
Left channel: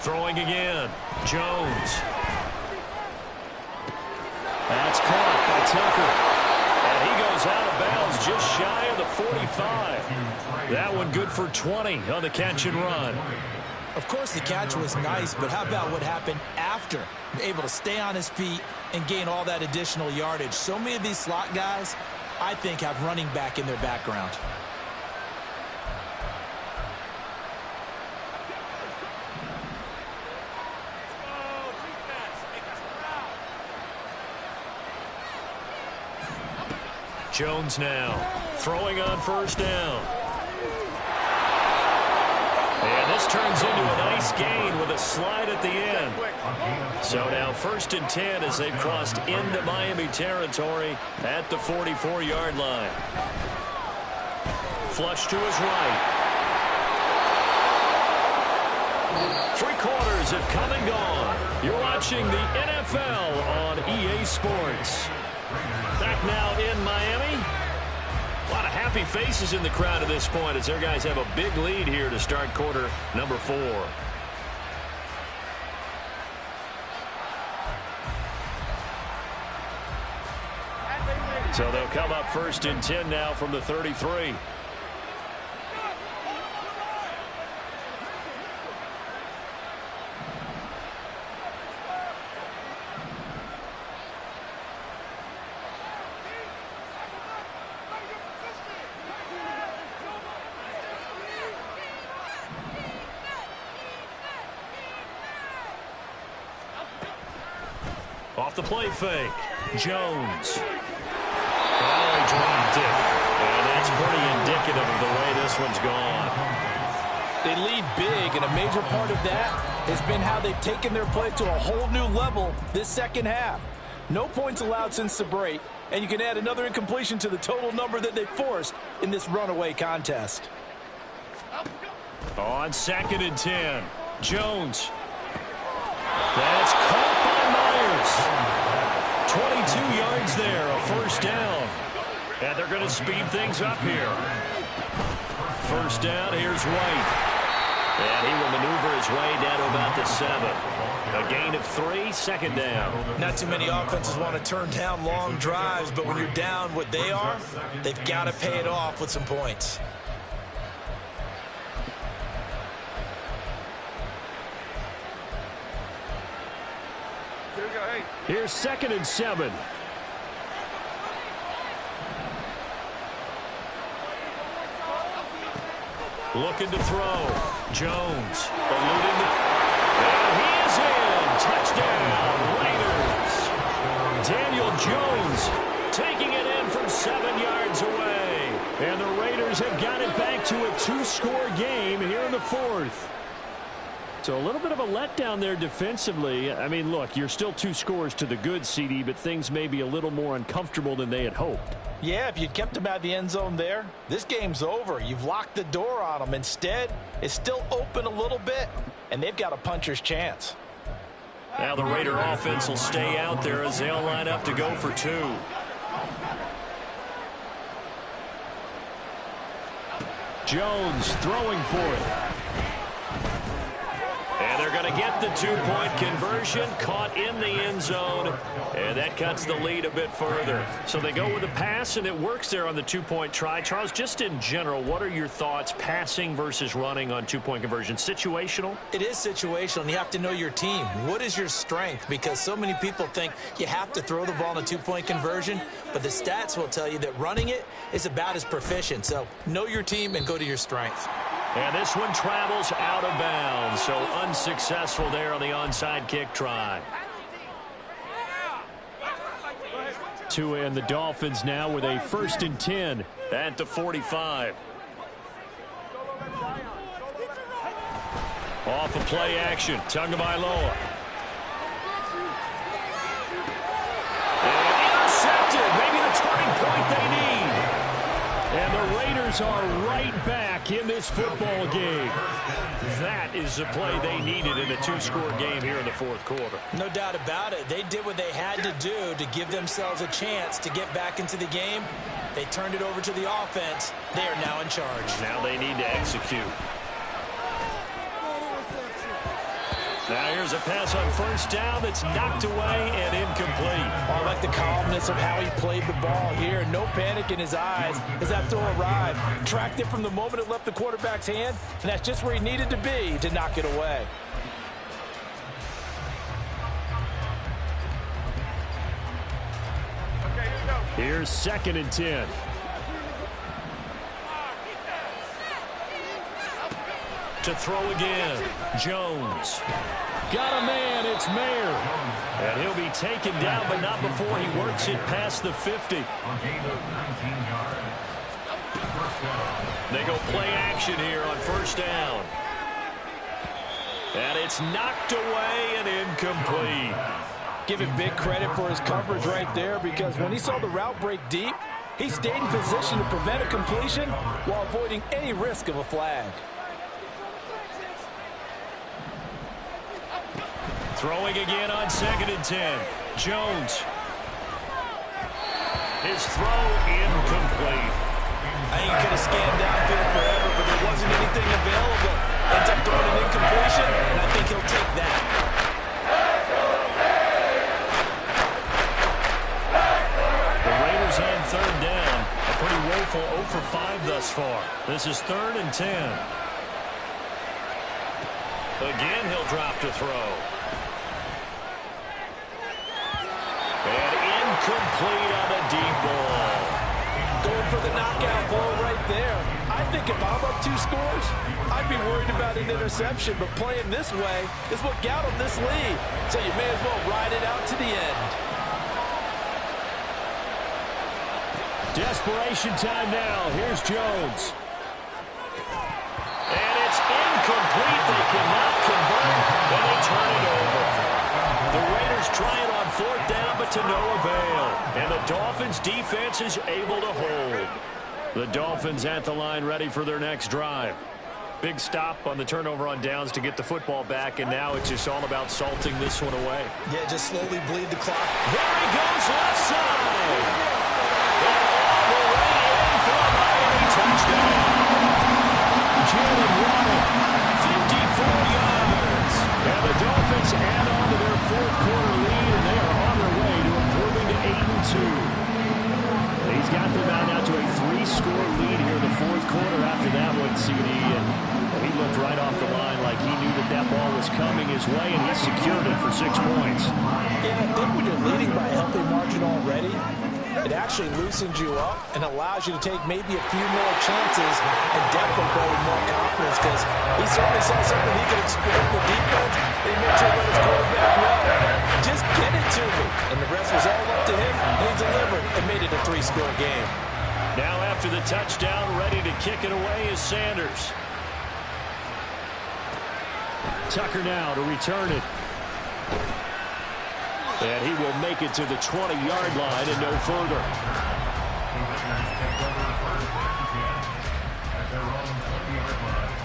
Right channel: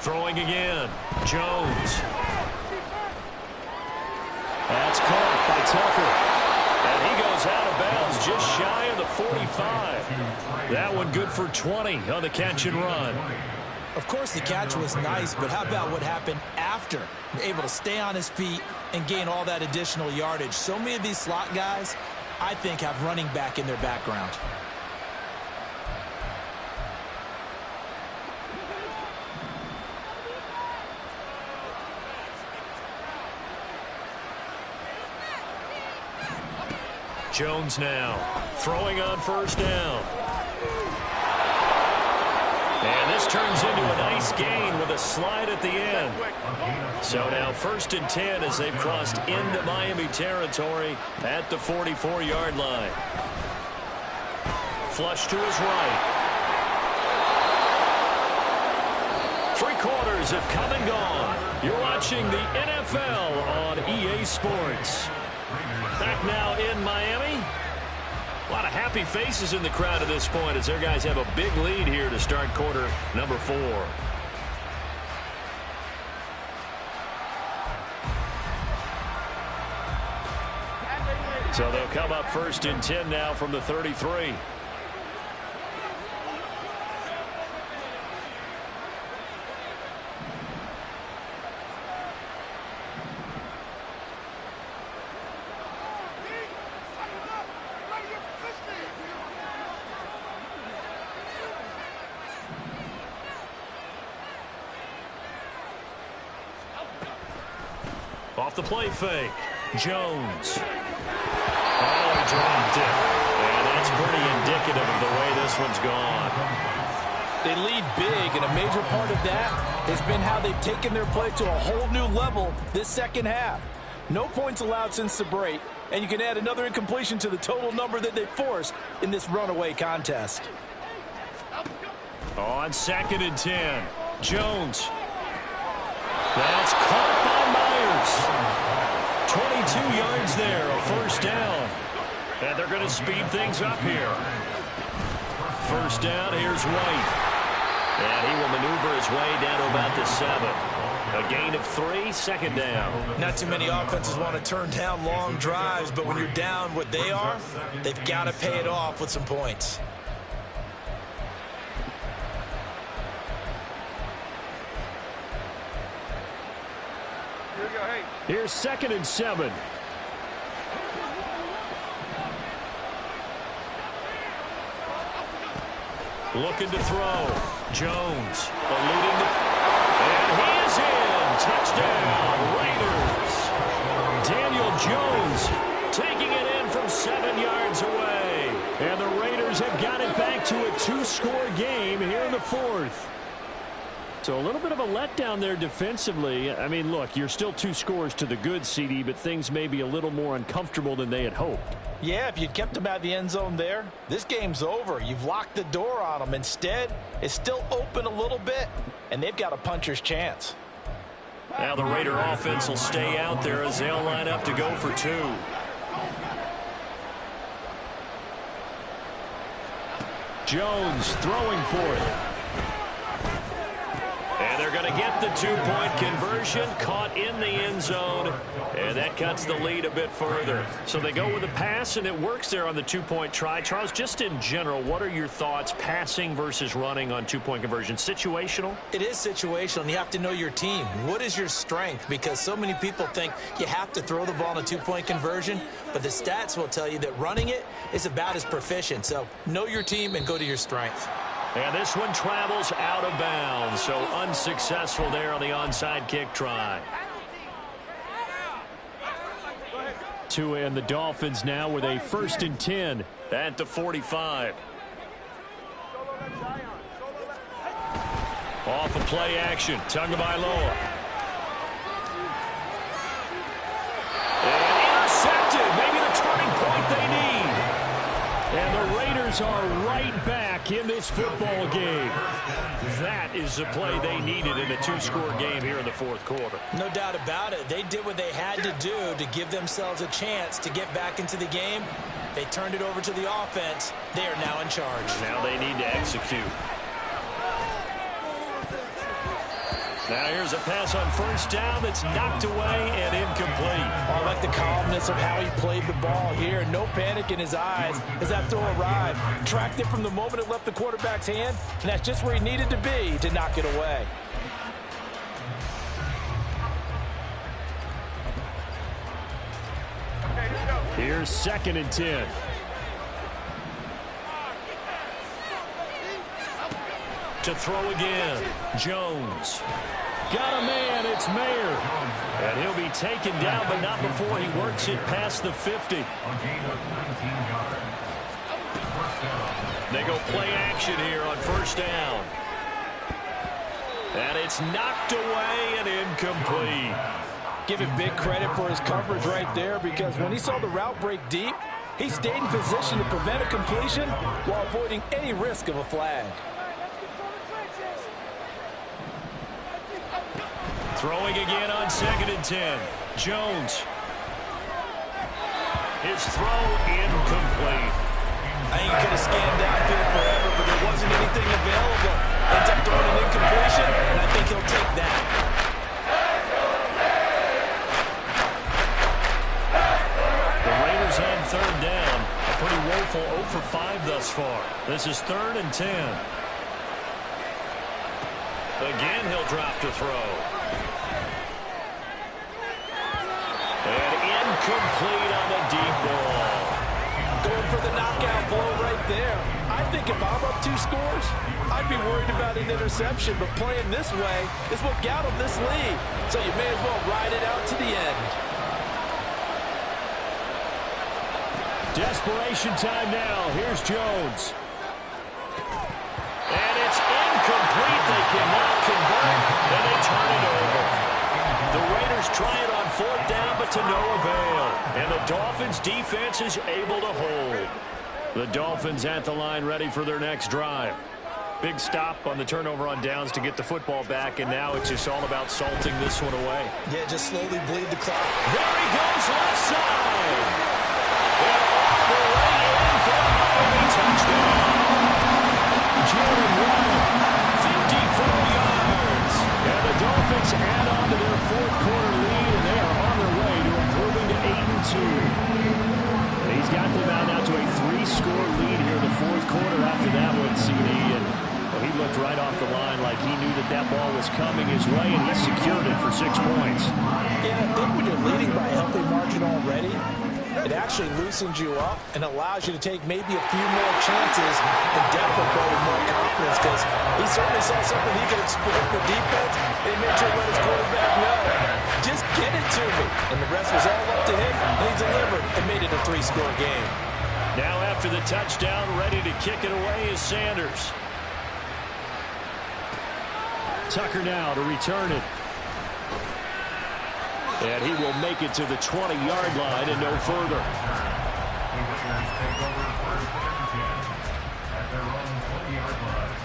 Throwing again. Jones. That's caught by Tucker. And he goes out of bounds just shy of the 45. That one good for 20 on the catch and run. Of course, the catch was nice, but how about what happened after? Able to stay on his feet and gain all that additional yardage. So many of these slot guys, I think, have running back in their background. Jones now throwing on first down. And this turns into a nice gain with a slide at the end. So now 1st and 10 as they've crossed into Miami territory at the 44-yard line. Flush to his right. 3 quarters have come and gone. You're watching the NFL on EA Sports. Back now in Miami. A lot of happy faces in the crowd at this point as their guys have a big lead here to start quarter number 4. So they'll come up 1st and 10 now from the 33. Off the play fake. Jones. Oh, he dropped it. And that's pretty indicative of the way this one's gone. They lead big, and a major part of that has been how they've taken their play to a whole new level this second half. No points allowed since the break, and you can add another incompletion to the total number that they forced in this runaway contest. On 2nd and 10, Jones. That's caught by Myers. 22 yards there, a first down. And they're going to speed things up here. First down, here's White. And he will maneuver his way down to about the 7. A gain of 3, second down. Not too many offenses want to turn down long drives, but when you're down what they are, they've got to pay it off with some points. Here's 2nd and 7. Looking to throw. Jones eluding the... And he is in. Touchdown, Raiders. Daniel Jones taking it in from 7 yards away. And the Raiders have got it back to a 2-score game here in the 4th. So a little bit of a letdown there defensively. I mean, look, you're still 2 scores to the good, CD, but things may be a little more uncomfortable than they had hoped. Yeah, if you'd kept them out of the end zone there, this game's over. You've locked the door on them. Instead, it's still open a little bit, and they've got a puncher's chance. Now the Raider offense will stay out there as they'll line up to go for 2. Jones throwing for it. And they're going to get the 2-point conversion, caught in the end zone, and that cuts the lead a bit further. So they go with a pass, and it works there on the 2-point try. Charles, just in general, what are your thoughts passing versus running on 2-point conversion? Situational? It is situational, and you have to know your team. What is your strength? Because so many people think you have to throw the ball in a 2-point conversion, but the stats will tell you that running it is about as proficient. So know your team and go to your strength. And this one travels out of bounds, so unsuccessful there on the onside kick try. Tua and the Dolphins now with a 1st and 10 at the 45. Off of play action, Tagovailoa. And intercepted, maybe the turning point they need. And the Raiders are right back in this football game. That is the play they needed in a 2-score game here in the 4th quarter. No doubt about it. They did what they had to do to give themselves a chance to get back into the game. They turned it over to the offense. They are now in charge. Now they need to execute. Now here's a pass on 1st down that's knocked away and incomplete. I like the calmness of how he played the ball here. No panic in his eyes as that throw arrived. Tracked it from the moment it left the quarterback's hand, and that's just where he needed to be to knock it away. Here's 2nd and 10. To throw again, Jones. Got a man, it's Mayer. And he'll be taken down, but not before he works it past the 50. They go play action here on 1st down. And it's knocked away and incomplete. Give him big credit for his coverage right there, because when he saw the route break deep, he stayed in position to prevent a completion while avoiding any risk of a flag. Throwing again on 2nd and 10. Jones. His throw incomplete. I think he could have scanned downfield forever, but there wasn't anything available. Ends up throwing an incompletion, and I think he'll take that. The Raiders on 3rd down. A pretty woeful 0 for 5 thus far. This is 3rd and 10. Again, he'll drop to throw. And incomplete on the deep ball. Going for the knockout blow right there. I think if I'm up 2 scores, I'd be worried about an interception, but playing this way is what got him this lead. So you may as well ride it out to the end. Desperation time now. Here's Jones. And it's incomplete. They cannot convert, and they turn it over. The Raiders try it on 4th down, but to no avail. And the Dolphins' defense is able to hold. The Dolphins at the line ready for their next drive. Big stop on the turnover on downs to get the football back, and now it's just all about salting this one away. Yeah, just slowly bleed the clock. There he goes, left side. And all the way in for a Miami touchdown. Jalen Waddle, 54 yards. And the Dolphins add on to their 4th quarter lead, and they are on their way to improving to 8-2. He's got them out now to a 3-score lead here in the 4th quarter after that one, CD. And well, he looked right off the line like he knew that that ball was coming his way, and he secured it for 6 points. Yeah, I think when you're leading by a healthy margin already, it actually loosens you up and allows you to take maybe a few more chances and definitely go with more confidence, because he certainly saw something he could exploit the defense, and he made sure to let his quarterback know, just get it to me. And the rest was all up to him, and he delivered and made it a 3-score game. Now after the touchdown, ready to kick it away is Sanders. Tucker now to return it. And he will make it to the 20-yard line and no further. The Raiders take over 1st and 10 at their own 20-yard line.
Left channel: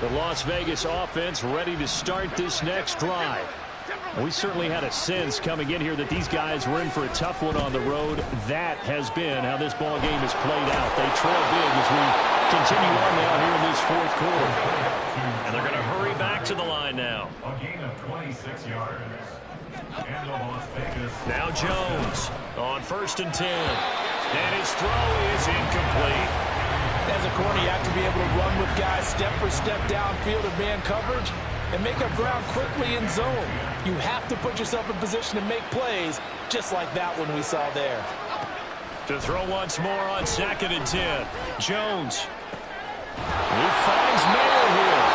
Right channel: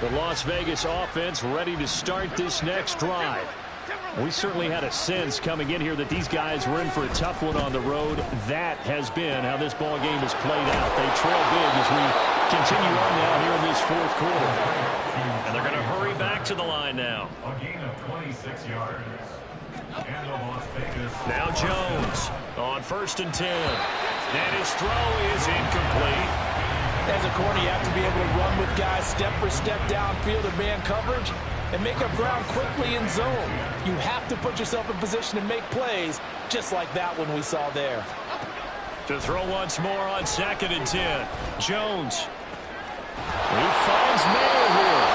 The Las Vegas offense ready to start this next drive. We certainly had a sense coming in here that these guys were in for a tough one on the road. That has been how this ball game has played out. They trail big as we continue on now here in this 4th quarter. And they're going to hurry back to the line now. A gain of 26 yards. And the Las Vegas. Now Jones on 1st and 10. And his throw is incomplete. As a corner, you have to be able to run with guys step for step downfield in man coverage and make up ground quickly in zone. You have to put yourself in position to make plays, just like that one we saw there. To throw once more on 2nd and 10. Jones. He finds Mayer here.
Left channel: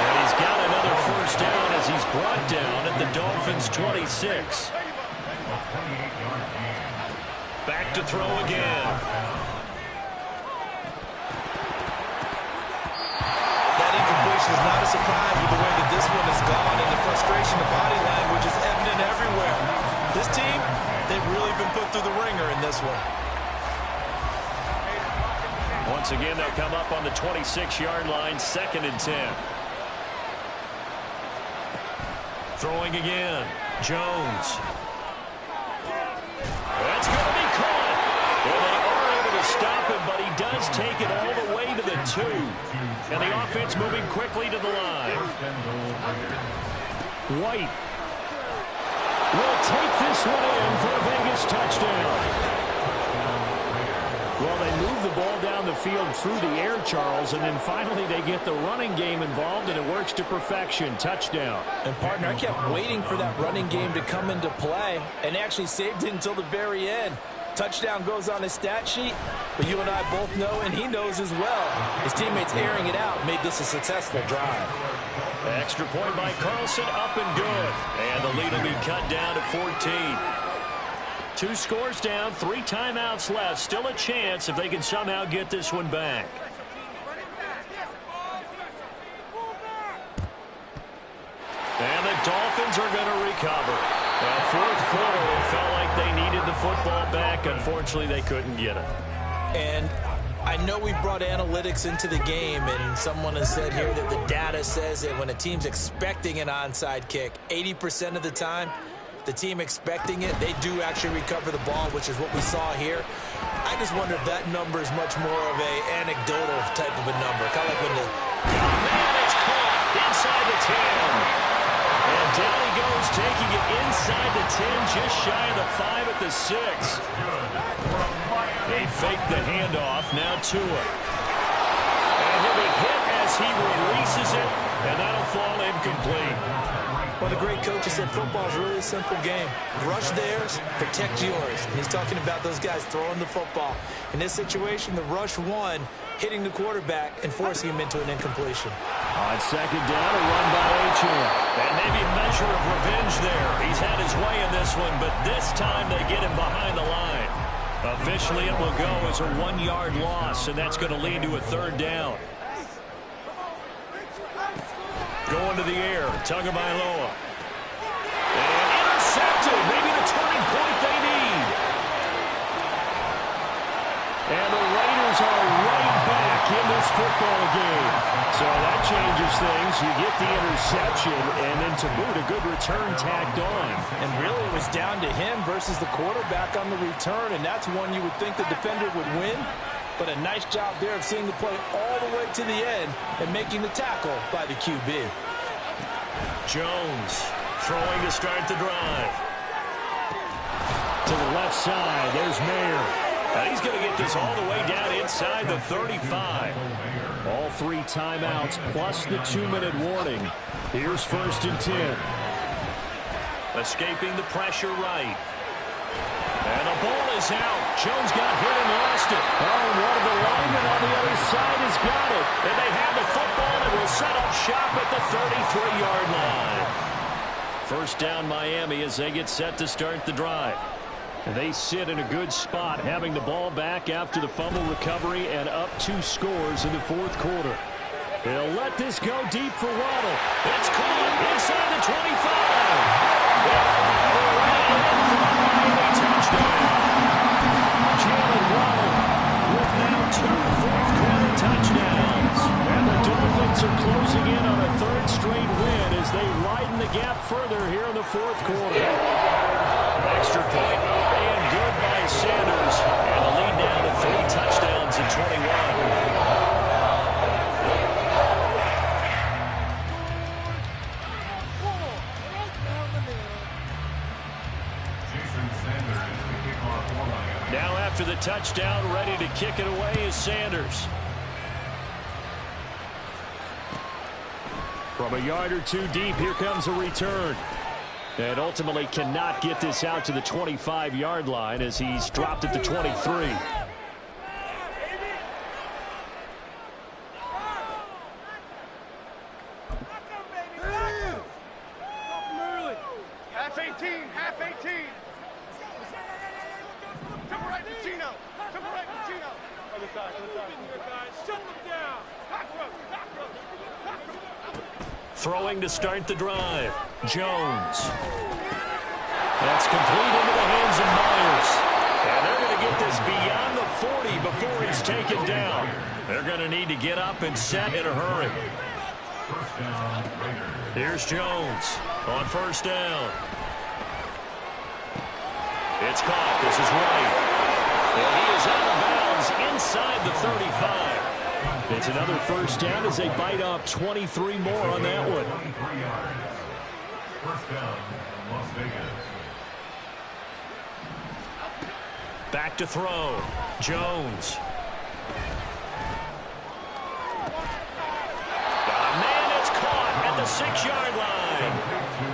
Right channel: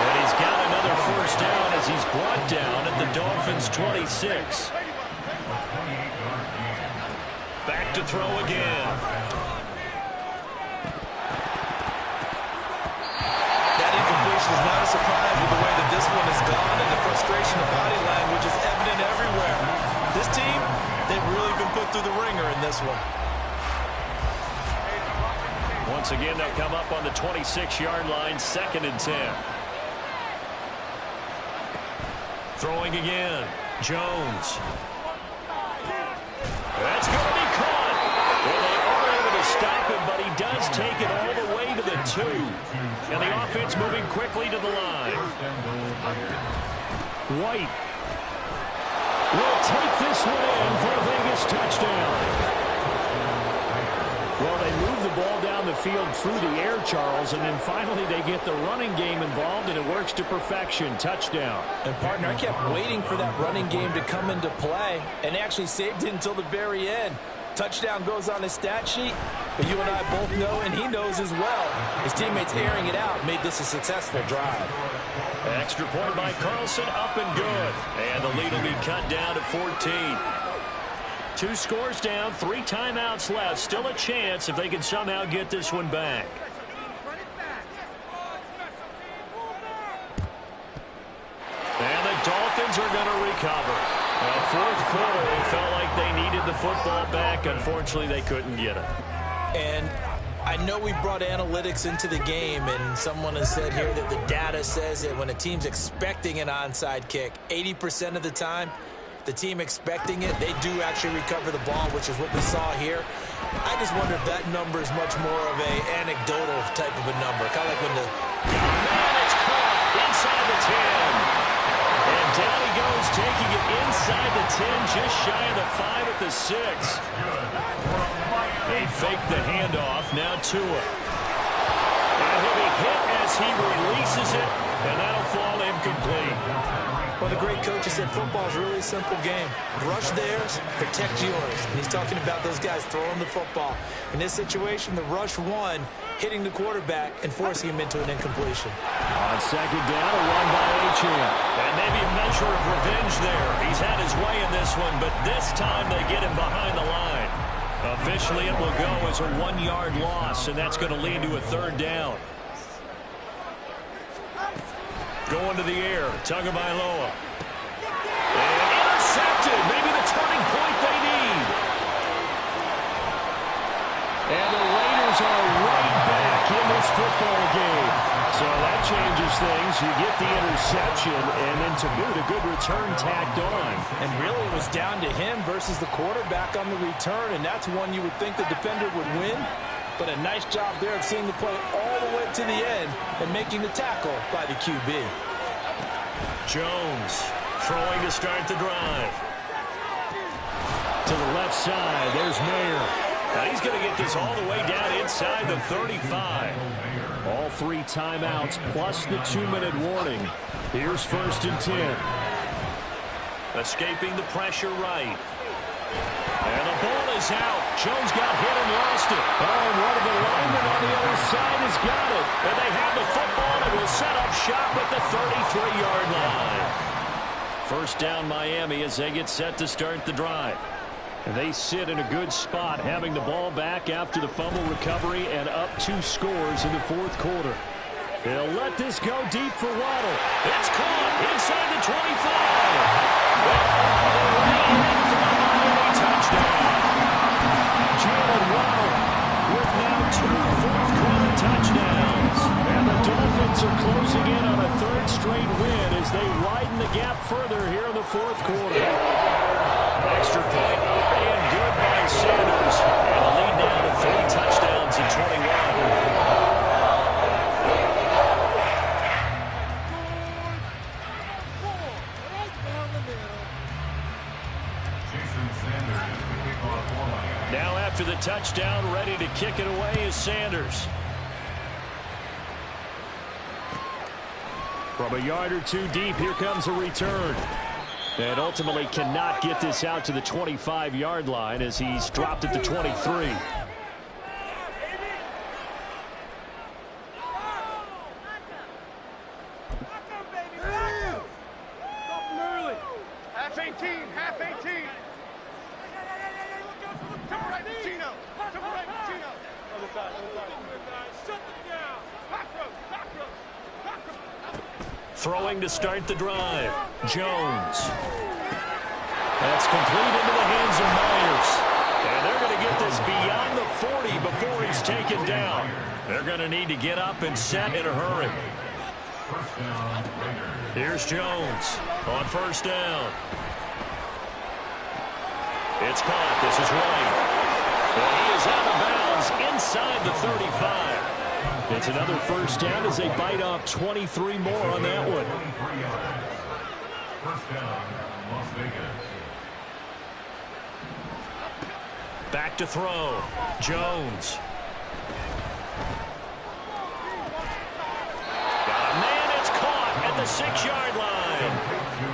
And he's got another 1st down as he's brought down at the Dolphins' 26. Back to throw again. That incompletion is not a surprise with the way that this one has gone, and the frustration of body language is evident everywhere. This team, they've really been put through the ringer in this one. Once again, they'll come up on the 26-yard line, 2nd and 10. Throwing again. Jones. That's going to be caught. And they are able to stop him, but he does take it all the way to the 2. And the offense moving quickly to the line. White will take this one in for a Vegas touchdown. Well, they move the ball down the field through the air, Charles, and then finally they get the running game involved, and it works to perfection. Touchdown. And, partner, I kept waiting for that running game to come into play and actually saved it until the very end. Touchdown goes on his stat sheet, but you and I both know, and he knows as well, his teammates airing it out made this a successful drive. Extra point by Carlson, up and good. And the lead will be cut down to 14. 2 scores down, 3 timeouts left. Still a chance if they can somehow get this one back. And the Dolphins are going to recover. Well, 4th quarter, they felt like they needed the football back. Unfortunately, they couldn't get it. And I know we brought analytics into the game, and someone has said here that the data says that when a team's expecting an onside kick, 80% of the time, the team expecting it, they do actually recover the ball, which is what we saw here. I just wonder if that number is much more of a anecdotal type of a number. Kind of like when the... Oh, man, it's caught inside the 10. And down he goes, taking it inside the 10, just shy of the 5 at the 6. They fake the handoff, now Tua. And he'll be hit as as he releases it, and that'll fall incomplete. Well, the great coach has said football is really a simple game. Rush theirs, protect yours. And he's talking about those guys throwing the football. In this situation, the rush won, hitting the quarterback and forcing him into an incompletion. On second down, a run by Achane. And maybe a measure of revenge there. He's had his way in this one, but this time they get him behind the line. Officially, it will go as a 1-yard loss, and that's going to lead to a third down. Going to the air, Tagovailoa. And intercepted, maybe the turning point they need. And the Raiders are right back in this football game. So that changes things. You get the interception, and then to boot, a good return tacked on. And really, it was down to him versus the quarterback on the return, and that's one you would think the defender would win. But a nice job there of seeing the play all the way to the end and making the tackle by the QB. Jones throwing to start the drive. To the left side, there's Mayer. Now he's going to get this all the way down inside the 35. All 3 timeouts plus the 2-minute warning. Here's 1st and 10. Escaping the pressure right. And the ball is out. Jones got hit and lost it. Oh, and one of the linemen on the other side has got it. And they have the football and will set up shop at the 33-yard line. First down Miami as they get set to start the drive. And they sit in a good spot, having the ball back after the fumble recovery and up 2 scores in the 4th quarter. They'll let this go deep for Waddle. It's caught inside the 25. And all the way in for the Miami touchdown. Jalen Waddle with now 2 fourth-quarter touchdowns. And the Dolphins are closing in on a 3rd straight win as they widen the gap further here in the 4th quarter. Extra point up and good by Sanders. And the lead now to 3 touchdowns at 21. Now after the touchdown, ready to kick it away is Sanders. From a yard or 2 deep, here comes a return. And ultimately cannot get this out to the 25-yard line as he's dropped at the 23. Half 18, half 18. Jump right to Chino. Jump right to Chino. Other side, other side. Shut them down. Cockroach, cockroach, cockroach. Throwing to start the drive. Jones. That's complete into the hands of Myers. And they're going to get this beyond the 40 before he's taken down. They're going to need to get up and set in a hurry. Here's Jones on 1st down. It's caught. This is White. And he is out of bounds inside the 35. It's another 1st down as they bite off 23 more on that one. 1st down, Las Vegas. Back to throw. Jones. Got a man. It's caught at the 6-yard line.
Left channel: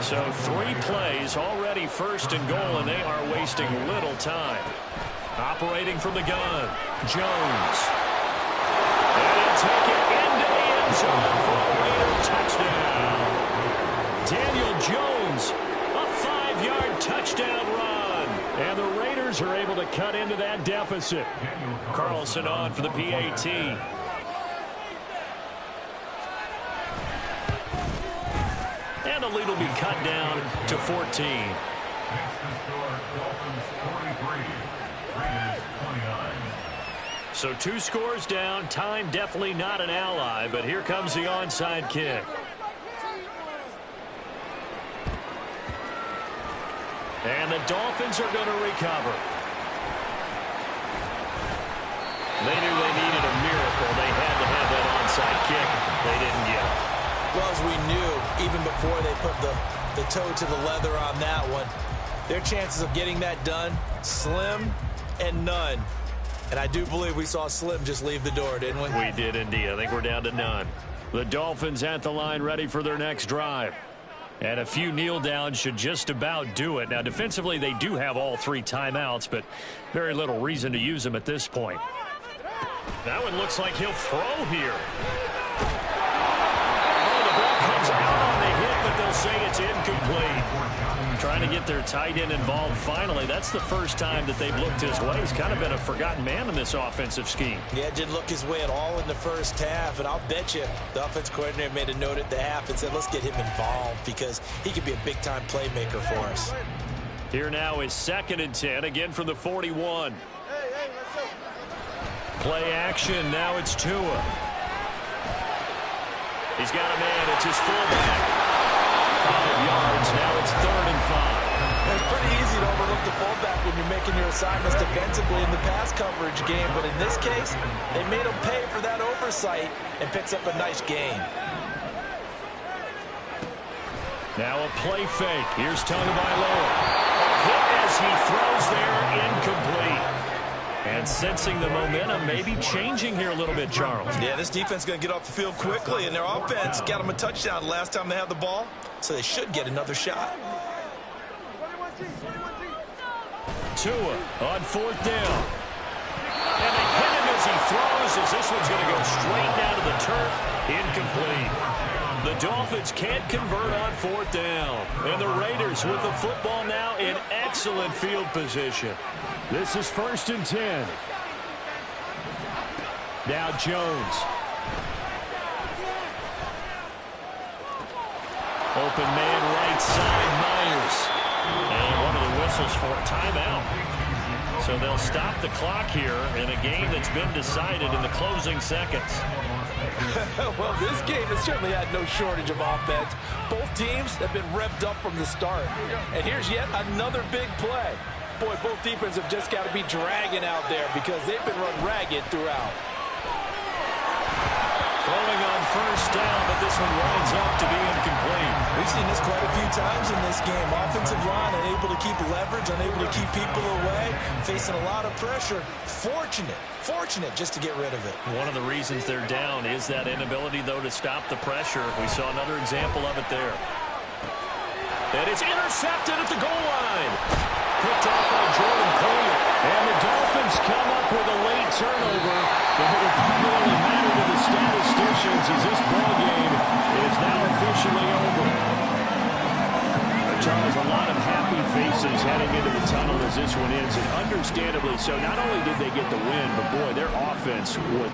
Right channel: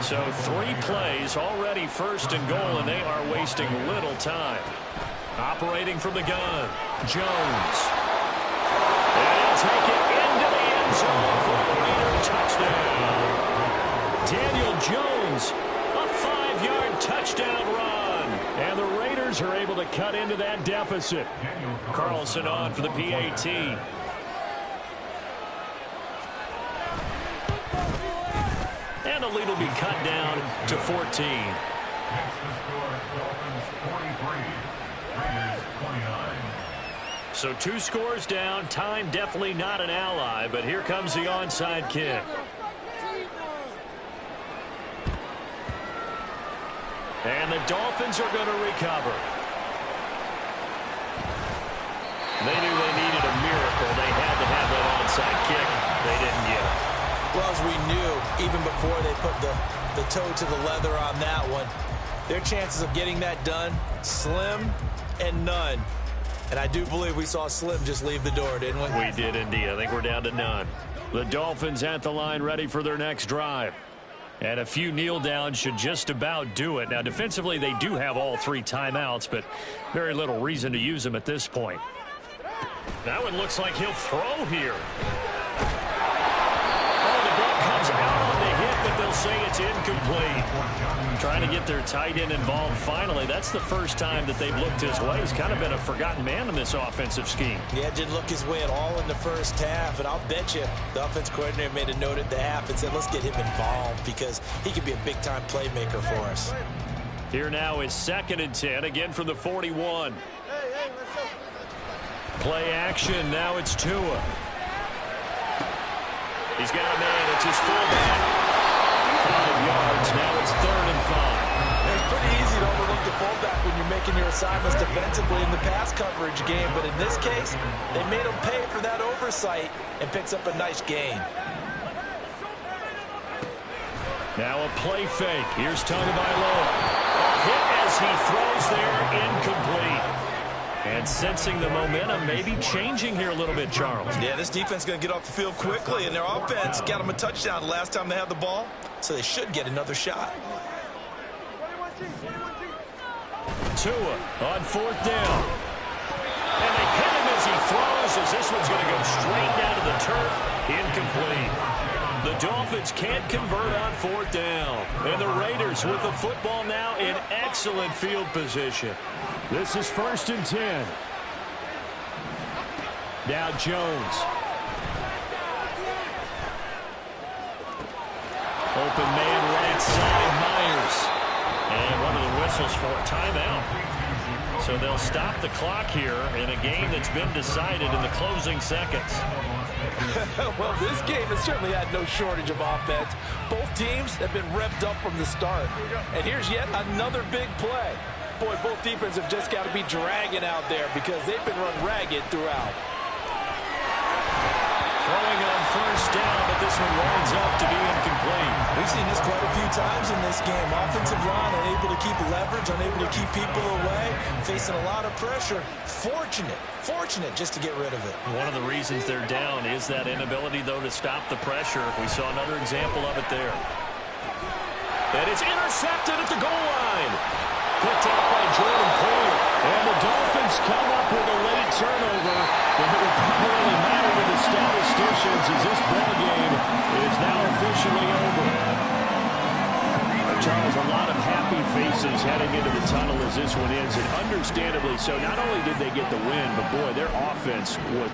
So 3 plays already 1st and goal, and they are wasting little time. Operating from the gun. Jones. And he'll take it into the end zone for a Raider touchdown. Daniel Jones, a 5-yard touchdown run. And the Raiders are able to cut into that deficit. Carlson on for the PAT. And the lead will be cut down to 14. Next to score, Dolphins 43, Raiders 29. So 2 scores down. Time definitely not an ally, but here comes the onside kick. And the Dolphins are going to recover. They knew they needed a miracle. They had to have that onside kick. They didn't get it. Well, as we knew, even before they put the toe to the leather on that one, their chances of getting that done, slim and none. And I do believe we saw Slim just leave the door, didn't we? We did indeed. I think we're down to none. The Dolphins at the line ready for their next drive. And a few kneel downs should just about do it. Now, defensively, they do have all 3 timeouts, but very little reason to use them at this point. That one looks like he'll throw here. Oh, the ball comes out on the hit, but they'll say it's incomplete. Trying to get their tight end involved finally. That's the first time that they've looked his way. He's kind of been a forgotten man in this offensive scheme. Yeah, didn't look his way at all in the first half, and I'll bet you the offense coordinator made a note at the half and said, let's get him involved because he could be a big-time playmaker for us. Here now is 2nd and 10, again from the 41. Play action, now it's Tua. He's got a man, it's his fullback. 5 yards, now it's 3rd and 5. It's pretty easy to overlook the fullback when you're making your assignments defensively in the pass coverage game, but in this case, they made him pay for that oversight and picks up a nice gain. Now a play fake. Here's Tagovailoa. A hit as he throws there, incomplete. And sensing the momentum, maybe changing here a little bit, Charles. Yeah, this defense is going to get off the field quickly, and their offense got them a touchdown last time they had the ball, so they should get another shot. Tua on 4th down. And they hit him as he throws, as this one's going to go straight down to the turf. Incomplete. The Dolphins can't convert on 4th down. And the Raiders with the football now in excellent field position. This is 1st and 10. Now Jones. Open man right side, Myers. And one of the whistles for a timeout. So they'll stop the clock here in a game that's been decided in the closing seconds. Well, this game has certainly had no shortage of offense. Both teams have been revved up from the start. And here's yet another big play. Boy, both defenses have just got to be dragging out there because they've been run ragged throughout. Throwing on 1st down, but this one winds up to be incomplete. We've seen this quite a few times in this game. Offensive line unable to keep leverage, unable to keep people away, facing a lot of pressure. Fortunate just to get rid of it. One of the reasons they're down is that inability, though, to stop the pressure. We saw another example of it there. And it's intercepted at the goal line. Picked off by Jordan Poyer. And the Dolphins come up with a late turnover. But it will probably only matter to the statisticians as this ball game is now officially over. Charles, a lot of happy faces heading into the tunnel as this one ends, and understandably so. Not only did they get the win, but boy, their offense was